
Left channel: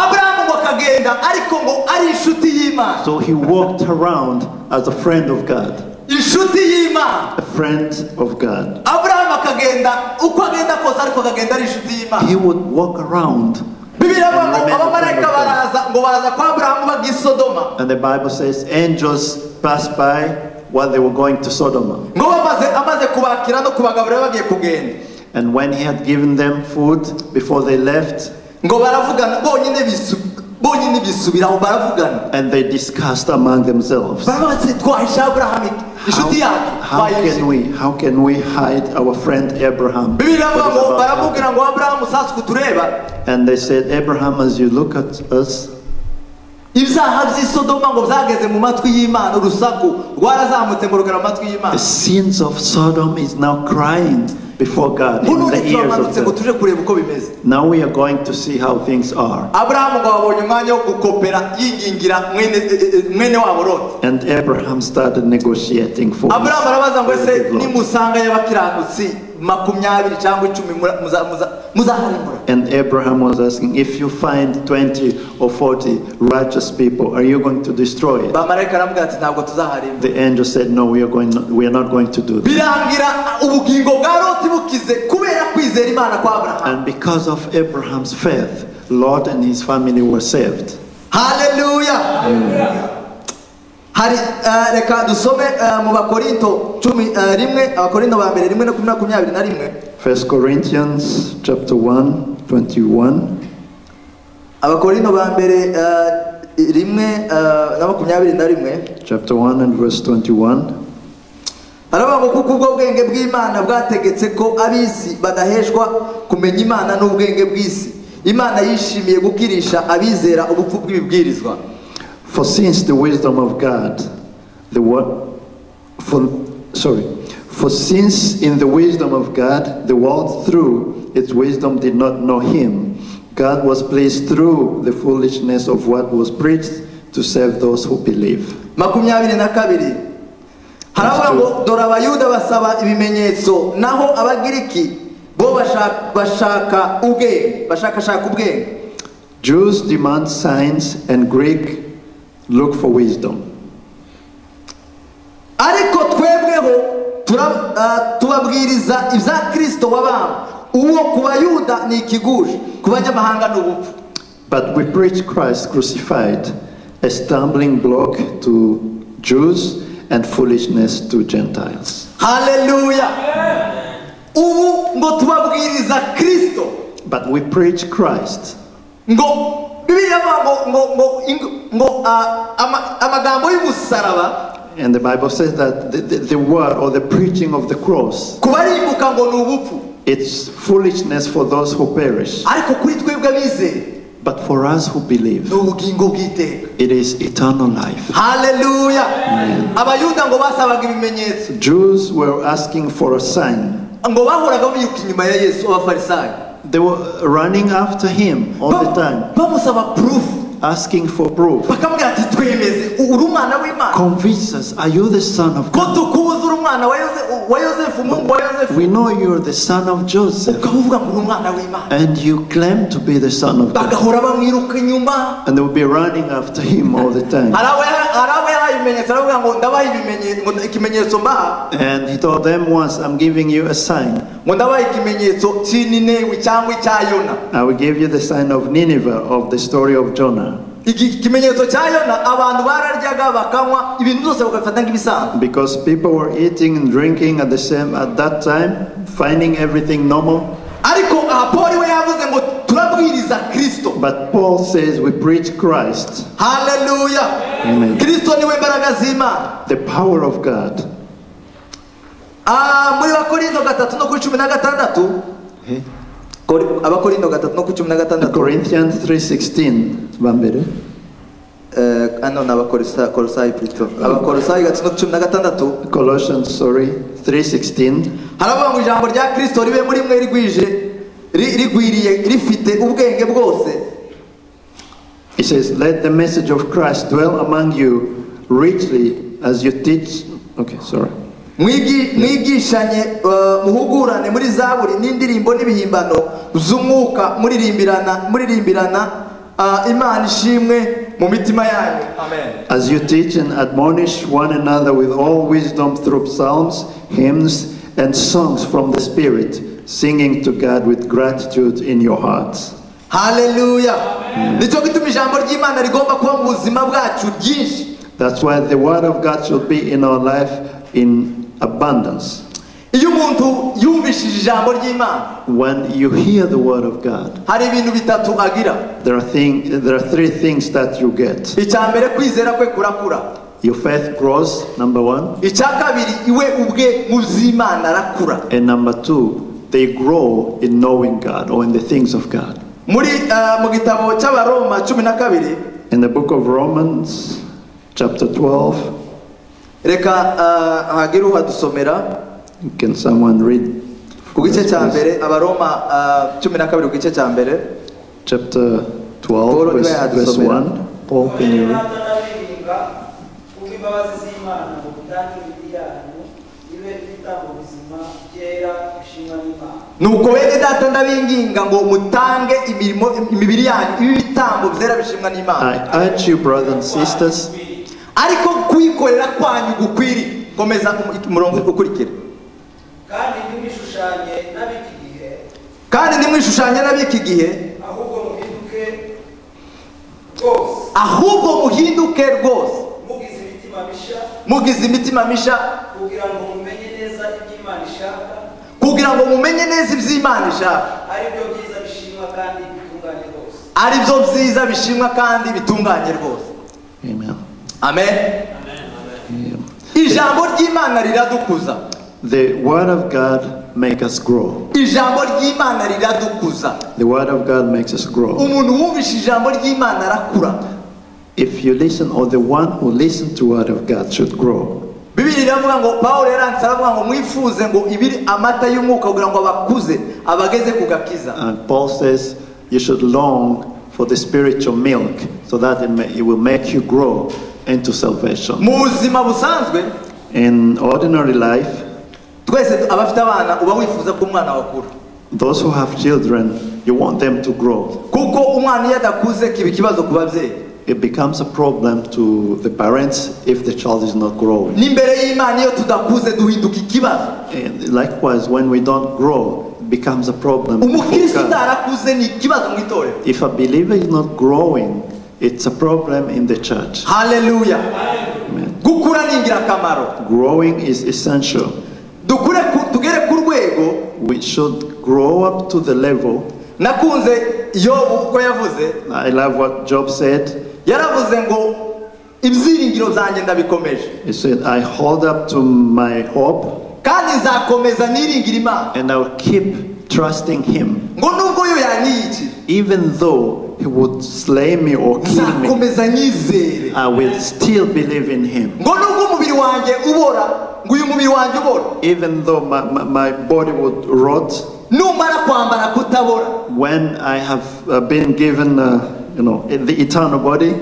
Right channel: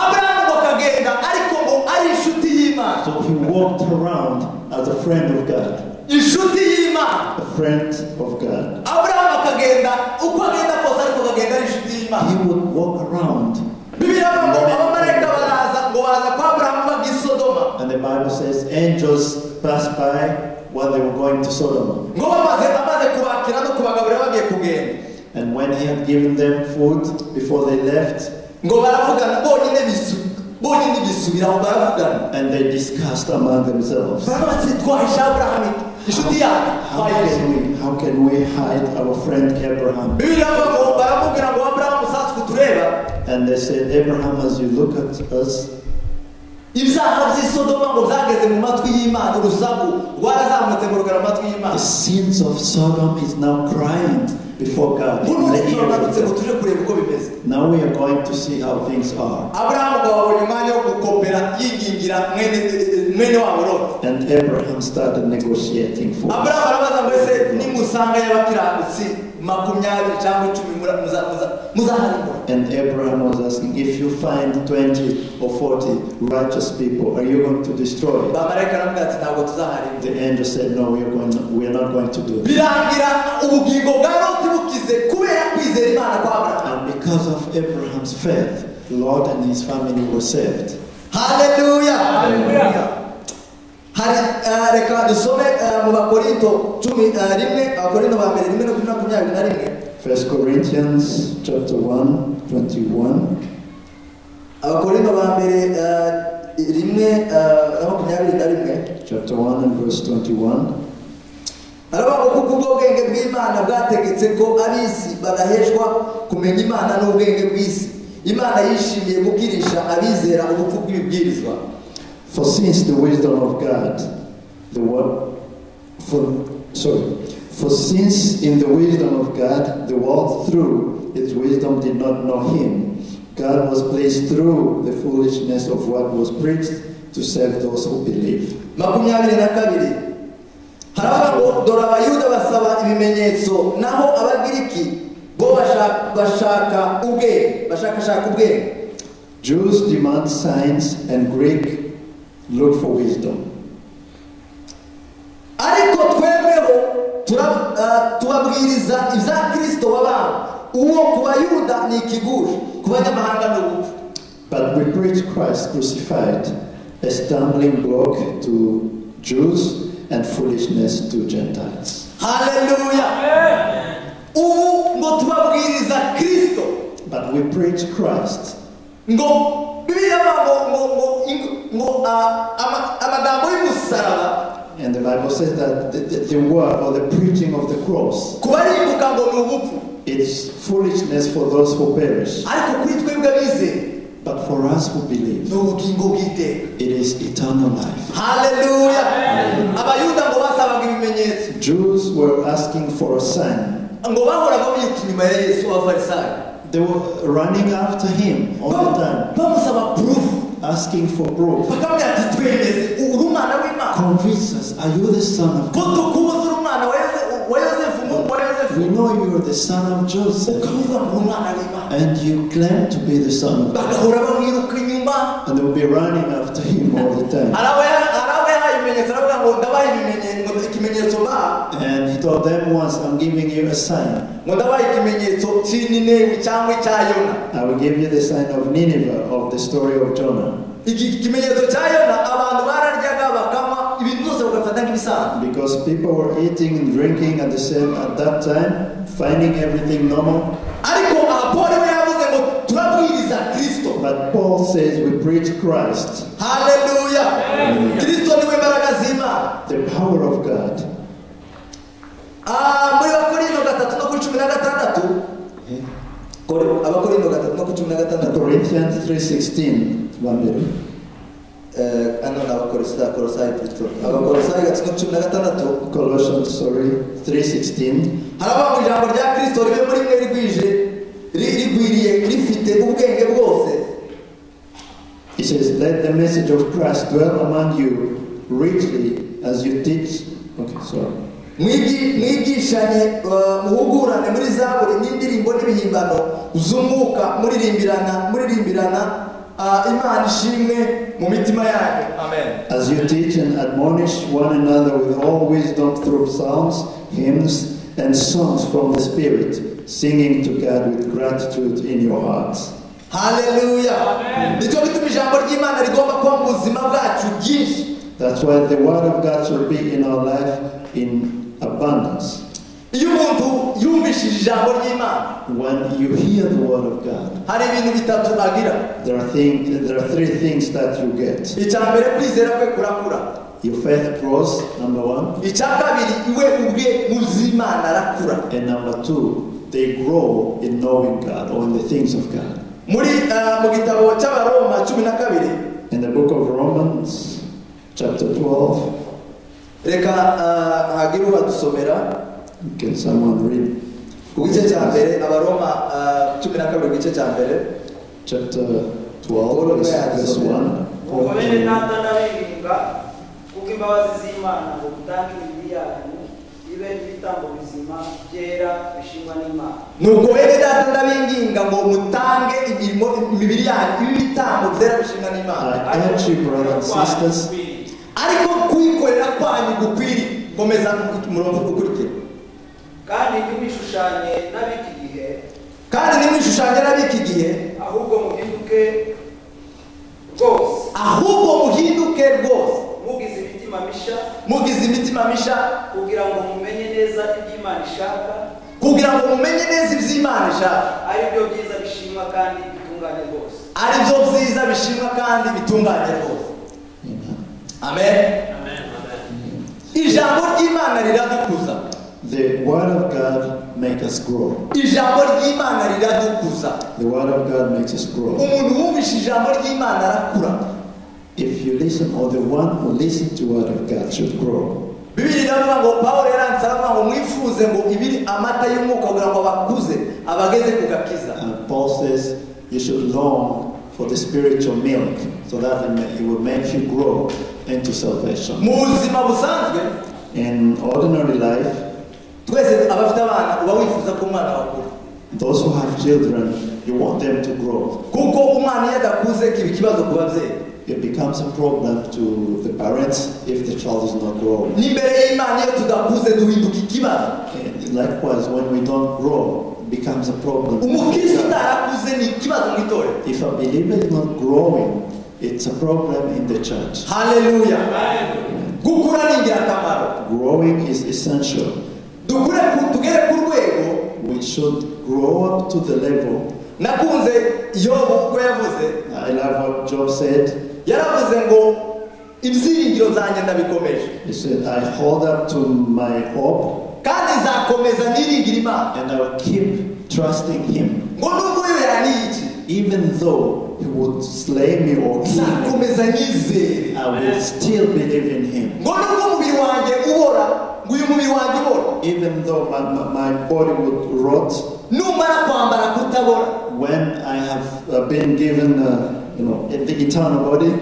So he walked around as a friend of God. A friend of God. He would walk around. And the Bible says angels passed by while they were going to Sodom. And when he had given them food before they left, and they discussed among themselves, how can we hide our friend Abraham? And they said, Abraham, as you look at us, ibyaha by'Isodoma ngo byageze mu matwi y'Imana, urusaku rwarazamutse ngo rugera mu matwi y'Imana. The sins of Sodom is now crying before God in None the ears turamanutse ngo of tuje kureba uko bimeze. Now we are going to see how things are. Aburahamu ngo babonye umwanya wo gukopera yingingira mwene wabo Loti. And Abraham started negotiating for Aburahamu arabaza ngo ese with God. nimusanga y'abakiranutsi 20 cyangwa 10 muzaharimbura. And Abraham was asking, if you find 20 or 40 righteous people, are you going to destroy it? Bamarayika aramubwira ati ntabwo tuzaharimbura. The angel said, no, we are not going to do that. Birangira ubugingo bwa Loti bukize kubera kwizera Imana kwa Aburahamu. And because of Abraham's faith, Lot and his family were saved. Hallelujah. Hari reka dusome mu Bakorinto 11, Abakorinto ba mbere 1:21. 1 Corinthians chapter 1, 21. Abakorinto ba mbere 1:21. Chapter 1 and verse 21. Aravuga ngo kuko ubwo bwenge bw'Imana bwategetse ko ab'isi badaheshwa kumenya Imana n'ubwenge bw'isi. Imana yishimiye gukirisha abizera ubupfu bw'ibibwirizwa. For since the wisdom of God, for since in the wisdom of God, the world through its wisdom did not know him, God was pleased through the foolishness of what was preached to save those who believe. 22. Haravuga ngo dore abayuda basaba ibimenyetso naho abagiriki bo bashaka ubwenge. Jews demand signs and Greek look for wisdom. Ariko twebweho tubabwiriza ibya Kristo wabambwe, uwo ku bayuda ni ikigusha, ku banyamahanga ni ubupfu. But we preach Christ crucified, a stumbling block to Jews and foolishness to Gentiles. Hallelujah. Ubu ngo tubabwiriza Kristo. But we preach Christ. Ngo Bibiliya ngo amagambo y'umusaraba. And the Bible says that the word or the preaching of the cross, kubarimbuka ngo ni ubupfu. it's foolishness for those who perish. Ariko kuri twebwe abizeye, But for us who believe, ni ubugingo bw'iteka. it is eternal life. Hallelujah. Abayuda ngo basabaga ibimenyetso. Jews were asking for a sign. Ngo bahoraga biruka inyuma ya Yesu abafarisayo. They were running after him all the time, bamusaba proof. asking for proof. Bakamubwira ati twemeze uri umwana w'Imana. Convince us, are you the son of Ko God? tukubuza uri umwana wa Yosefu, umuhungu wa Yosefu. We know you're the son of Joseph, Ukavuga ngo uri umwana w'Imana. and you claim to be the son of God. Bagahora bamwiruka inyuma. And they will be running after him all the time. Harawe yahaye ibimenyetso, aravuga ngo ndabaha ikimenyetso mbaha. And he told them once, I'm giving you a sign. Ngo ndabaha ikimenyetso cy'Ninewi cyangwa icya Yona. I will give you the sign of Nineveh, of the story of Jonah. Ikimenyetso cya Yona abantu bararyaga bakanywa ibintu byose bagafata nk'ibisanzwe. Because people were eating and drinking at that time, finding everything normal. Ariko Paul we yavuze ngo turabwiriza Kristo. But Paul says we preach Christ, Hallelujah. Kristo niwe mbaraga z'Imana. the power of God. Muri Abakorinto 3:16. Abakorinto 3:16. Corinthians 3:16. Bambere. Abakolosayi plutôt. Abakolosayi 3:16. Colossians 3:16. Haravuga ngo ijambo rya Kristo ribe muri mwe rigwiriye rifite ubwenge bwose. It says, let the message of Christ dwell among you richly as you teach. Okay, sorry. Mwigishanye muhugurane muri zaburi n'indirimbo n'ibihimbano z'umwuka muririmbirana Imana ishimwe mu mitima yanyu. Amen. As you teach and admonish one another with all wisdom through psalms, hymns, and songs from the Spirit, singing to God with gratitude in your hearts. Hallelujah. Nicyo gituma ijambo ry'Imana rigomba kuba mu buzima bwacu byinshi. That's why the word of God should be in our life in abundance. Iyo umuntu yumvishije ijambo ry'Imana, When you hear the word of God, hari ibintu bitatu agira. there are three things that you get. Icya mbere kwizera kwe kurakura. Your faith grows, number one. Icya kabiri iwe ubwe mu by'Imana arakura. And number two, they grow in knowing God or in the things of God. Muri mu gitabo cy'Abaroma 12 In the book of Romans, chapter 12, reka hagire uhadusomera can someone read ku gice cya mbere abaroma 12 ku gice cya mbere chapter 12, verse 1? Paul, can you read? nuko bene data ndabinginga ngo mutange imibiri yanyu ibitambo byera bishimwa n'Imana. I urge you, brothers and sisters, ariko kwikorera kwanyu gukwiri. Komeza umurongo ukurikira. kandi nimwishushanye n'ab'iki gihe ahubwo muhinduke rwose mugize imitima misha kugira ngo mumenye neza iby'Imana ishaka aribyo byiza bishimwa kandi bitunganye rwose. Amen. Ijambo ry'Imana riradukuza. The word of God makes us grow. Ijambo ry'Imana riradukuza. The word of God makes us grow. Umuntu wumvishe ijambo ry'Imana arakura. If you listen, or the one who listens to the word of God should grow. Bibiri iravuga ngo Pawulo yaranditse aravuga ngo mwifuze ngo ibiri amata y'umwuka kugira ngo abakuze abageze ku gakiza. And Paul says you should long for the spiritual milk so that it will make you grow into salvation. Mu buzima busanzwe, in ordinary life, twese abafite abana uba wifuza ko umwana wakura. Those who have children, you want them to grow. Kuko umwana iyo adakuze kiba ikibazo ku babyeyi. It becomes a problem to the parents if the child is not growing. N'imbere y'Imana iyo tudakuze duhinduka ikibazo. Likewise, when we don't grow, it becomes a problem. Umukristo utarakuze ni ikibazo mu itorero. If a believer is not growing, it's a problem in the church. Hallelujah. Gukura ni ingirakamaro. Growing is essential. Tugere ku rwego. We should grow up to the level. Nakunze Yobu ko yavuze. I love what Job said. Yaravuze ngo ibyiringiro zanjye ndabikomeje. He said, I hold up to my hope. Kandi nzakomeza niringira Imana. And I will keep trusting Him. Ngo nubwo yo yaniki. Even though He would slay me or kill me, nzakomeza nizere. I will still believe in Him. Ngo nubwo umubiri wanjye ubora, ngo uyu mubiri wanjye ubora. Even though my body would rot. Numara kwambara kutabora. When I have been given the eternal body,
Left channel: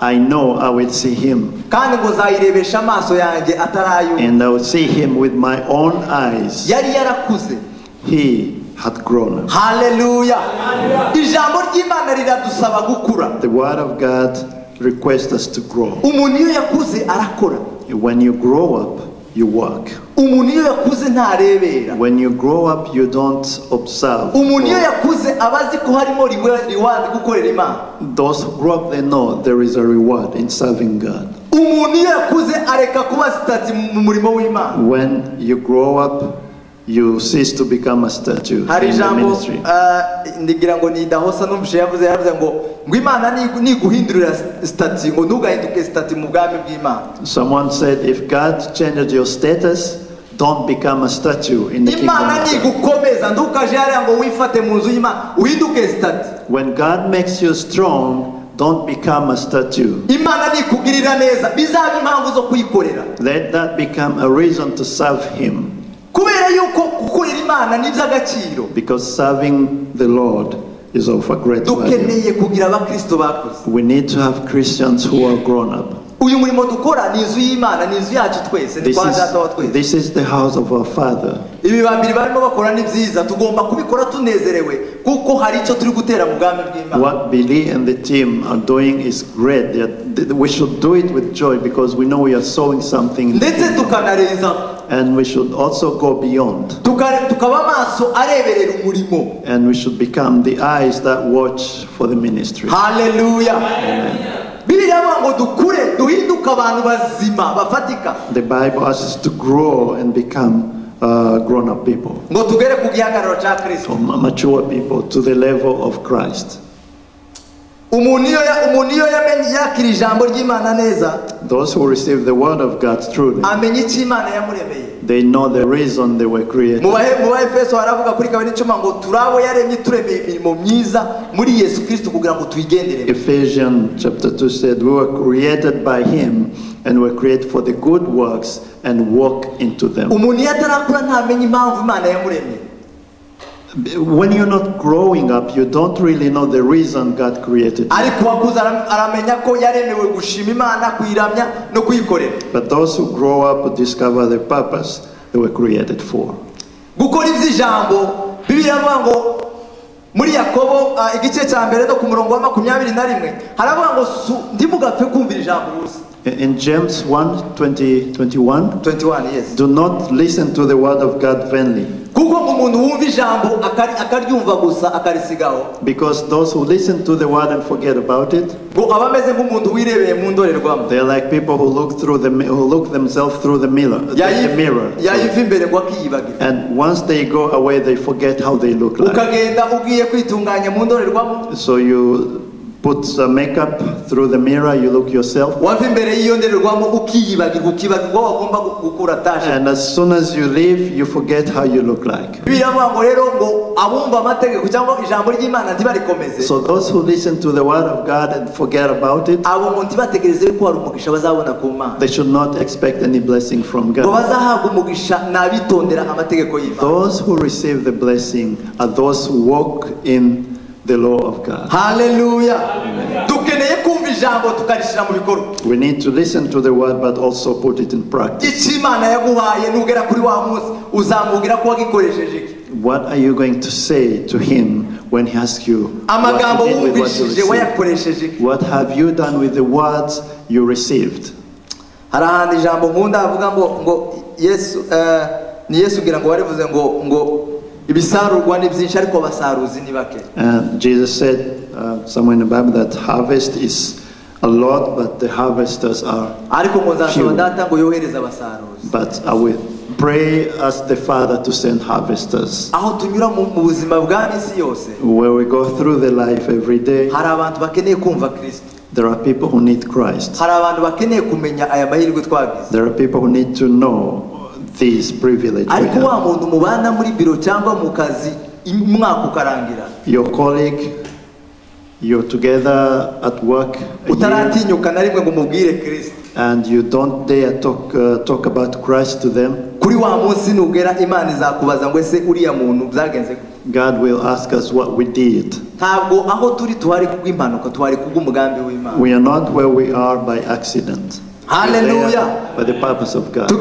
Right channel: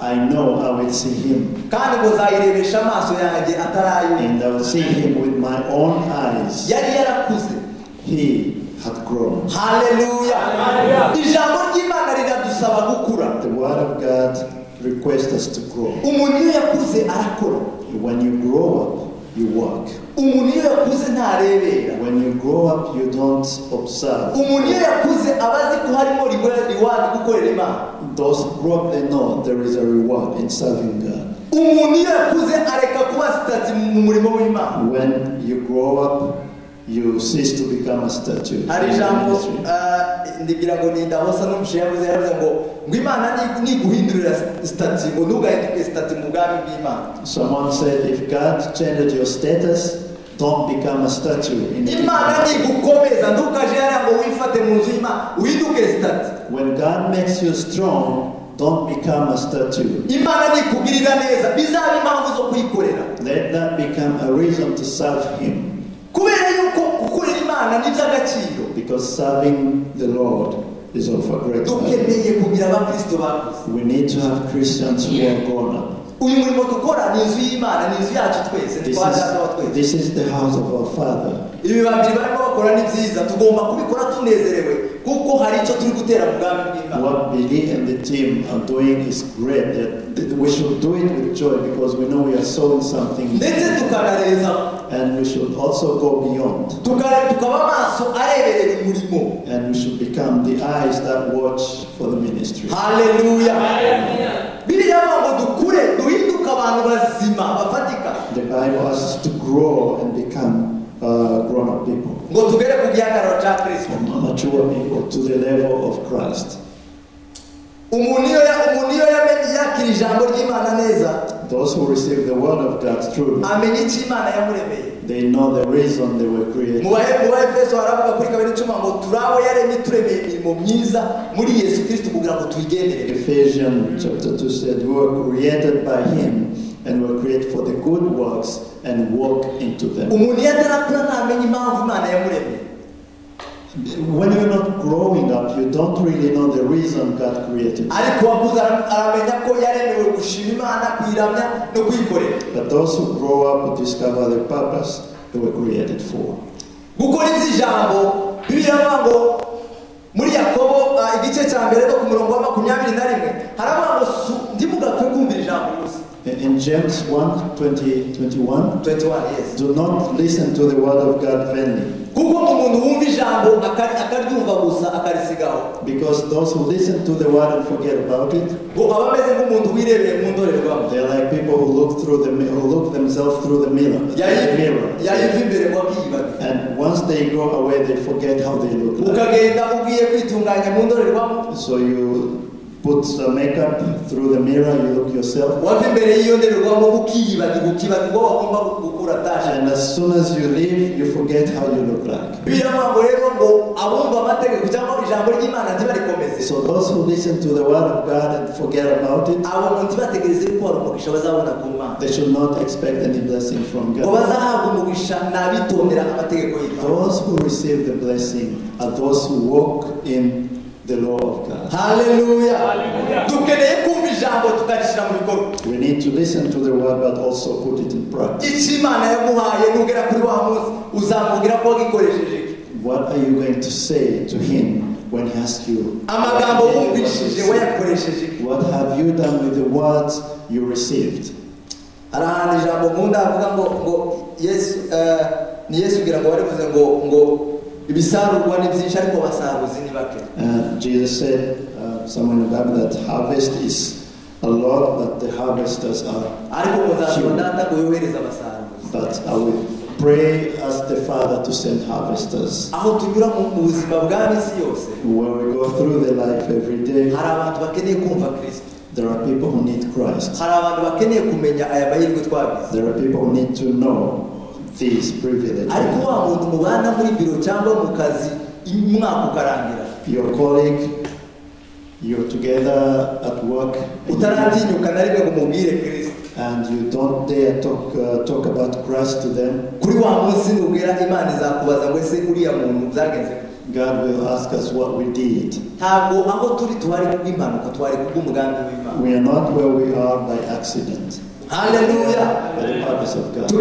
I know I will see Him. And I will see Him with my own eyes. He had grown. Hallelujah. The word of God requests us to grow. When you grow up, you work. When you grow up, you don't observe. Those who grow up, they know there is a reward in serving God. When you grow up, you cease to become a statue in the ministry. Someone said, if God changes your status, don't become a statue in the kingdom. When God makes you strong, don't become a statue. Let that become a reason to serve Him. Because serving the Lord is of a great value. We need to have Christians who are grown up. This is the house of our Father. What Billy and the team are doing is great. We should do it with joy because we know we are sowing something. And we should also go beyond. And we should become the eyes that watch for the ministry. Hallelujah. The Bible asks us to grow and become grown-up people, mature people, to the level of Christ. Those who receive the word of God truly, They know the reason they were created. mu Efeso haravuga kuri 2:10 ngo turabo yaremye turemeye imirimo myiza muri Yesu Kristo kugira ngo tuyigenderere. Ephesians chapter 2 said, we were created by him and were created for the good works and walk into them. Umuntu yatarakura ntamenye impamvu Imana yamuremye. When you're not growing up, you don't really know the reason God created you. Ariko wakuza aramenya ko yaremewe gushima Imana, kuyiramya no kuyikorera. But those who grow up will discover the purpose they were created for. Gukora iby'ijambo Bibiliya ivuga ngo muri Yakobo igice cya mbere no ku murongo wa 21 haravuga ngo ndimugapfe kumvira ijambo gusa. In James 1:21, yes. do not listen to the word of God vainly. Kuko umuntu wumva ijambo akaryumva gusa akarisigaho. Because those who listen to the word and forget about it, they're like people who look themselves through the mirror. And once they go away, they forget how they look like. So you put some makeup through the mirror, you look yourself. And as soon as you leave, you forget how you look like. So those who listen to the word of God and forget about it, they should not expect any blessing from God. Those who receive the blessing are those who walk in the law of God. Hallelujah. We need to listen to the word but also put it in practice. What are you going to say to him when he asks you, what have you done with the words you received? Jesus said somewhere in the Bible that harvest is a lot, but the harvesters are few. But I will pray, ask the Father to send harvesters. Where we go through the life every day, there are people who need Christ. There are people who need to know these privileges. Your colleague, you're together at work, and you don't dare talk about Christ to them. God will ask us what we did. We are not where we are by accident. Hallelujah. By the purpose of God.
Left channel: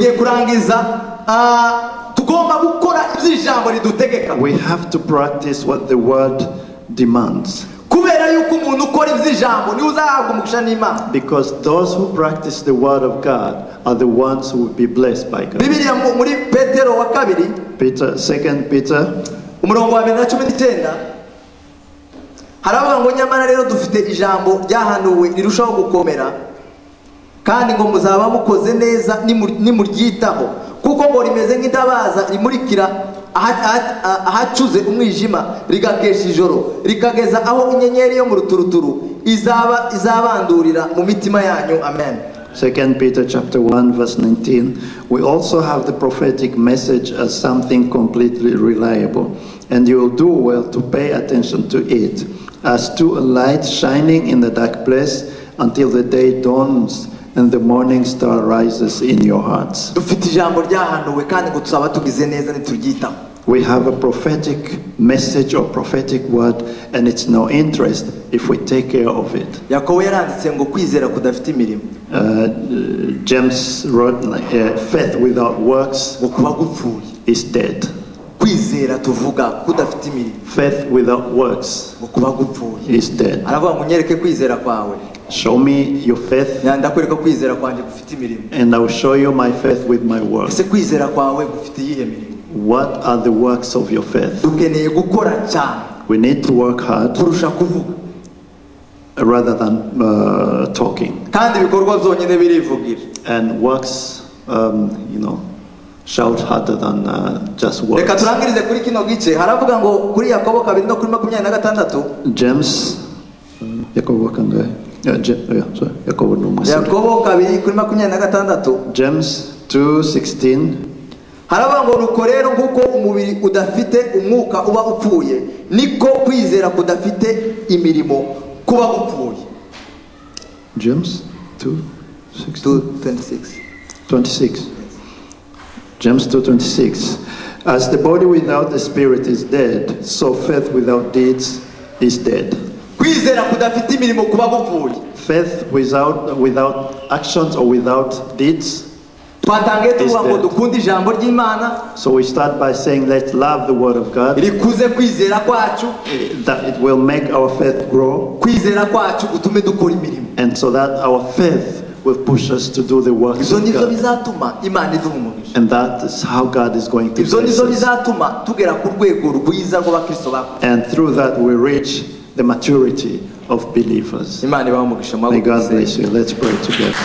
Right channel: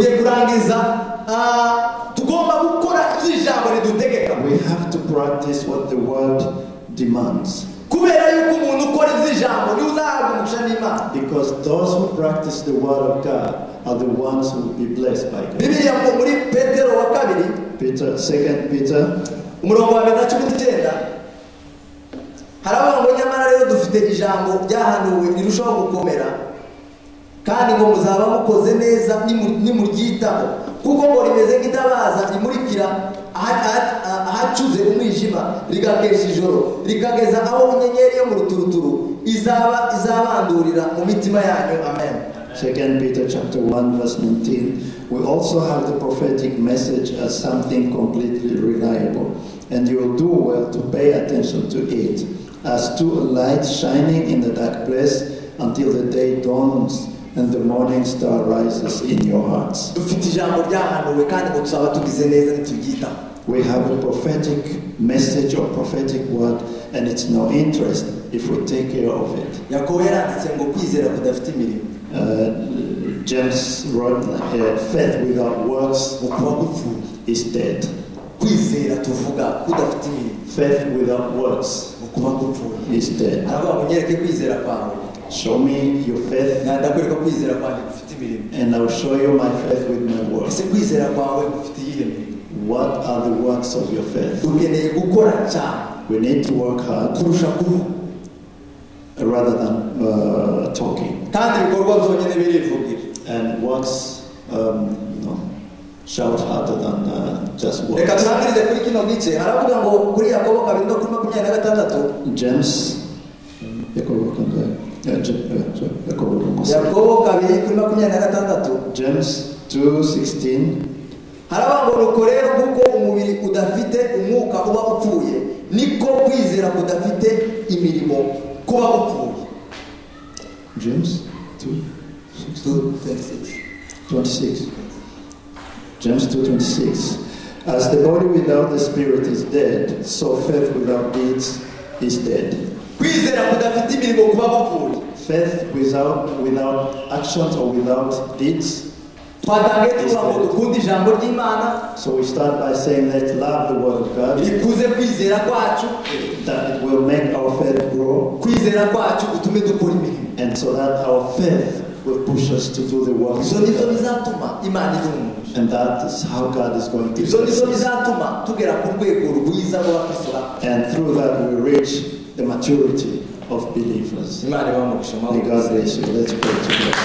We have to practice what the word demands. Because those who practice the word of God are the ones who will be blessed by God. Peter, 2 Peter kandi ngo muzaba mukoze neza nimuryitaho kuko ngo rimeze nk'itabaza rimurikira ahacuze umwijima rigakesha ijoro rikageza aho inyenyeri yo mu ruturuturu izabandurira mu mitima yanyu. Amen. 2 Peter chapter 1 verse 19. We also have the prophetic message as something completely reliable, and you will do well to pay attention to it, as to a light shining in the dark place until the day dawns and the morning star rises in your hearts. We have a prophetic message or prophetic word, and it's no interest if we take care of it. James wrote, faith without works is dead. Faith without works is dead. Show me your faith, and I will show you my faith with my works. What are the works of your faith? We need to work hard rather than talking. And works, shout harder than just words. James, James 2:16. haravuga ngo nuko rero nk'uko umubiri udafite umwuka uba upfuye niko kwizera kudafite imirimo kuba upfuye. James 2:26. James 2:26. As the body without the spirit is dead, so faith without deeds is dead. Kwizera kudafite imirimo kuba upfuye. Faith without actions or without deeds. Twatangiye tuvuga ngo dukunde ijambo ry'Imana. So we start by saying let's love the word of God. Rikuze kwizera kwacu. That it will make our faith grow. Kwizera kwacu utume dukora imirimo. And so that our faith will push us to do the works of God. And that is how God is going to bless us. And through that we reach the maturity of believers. May God bless you. Let's pray together.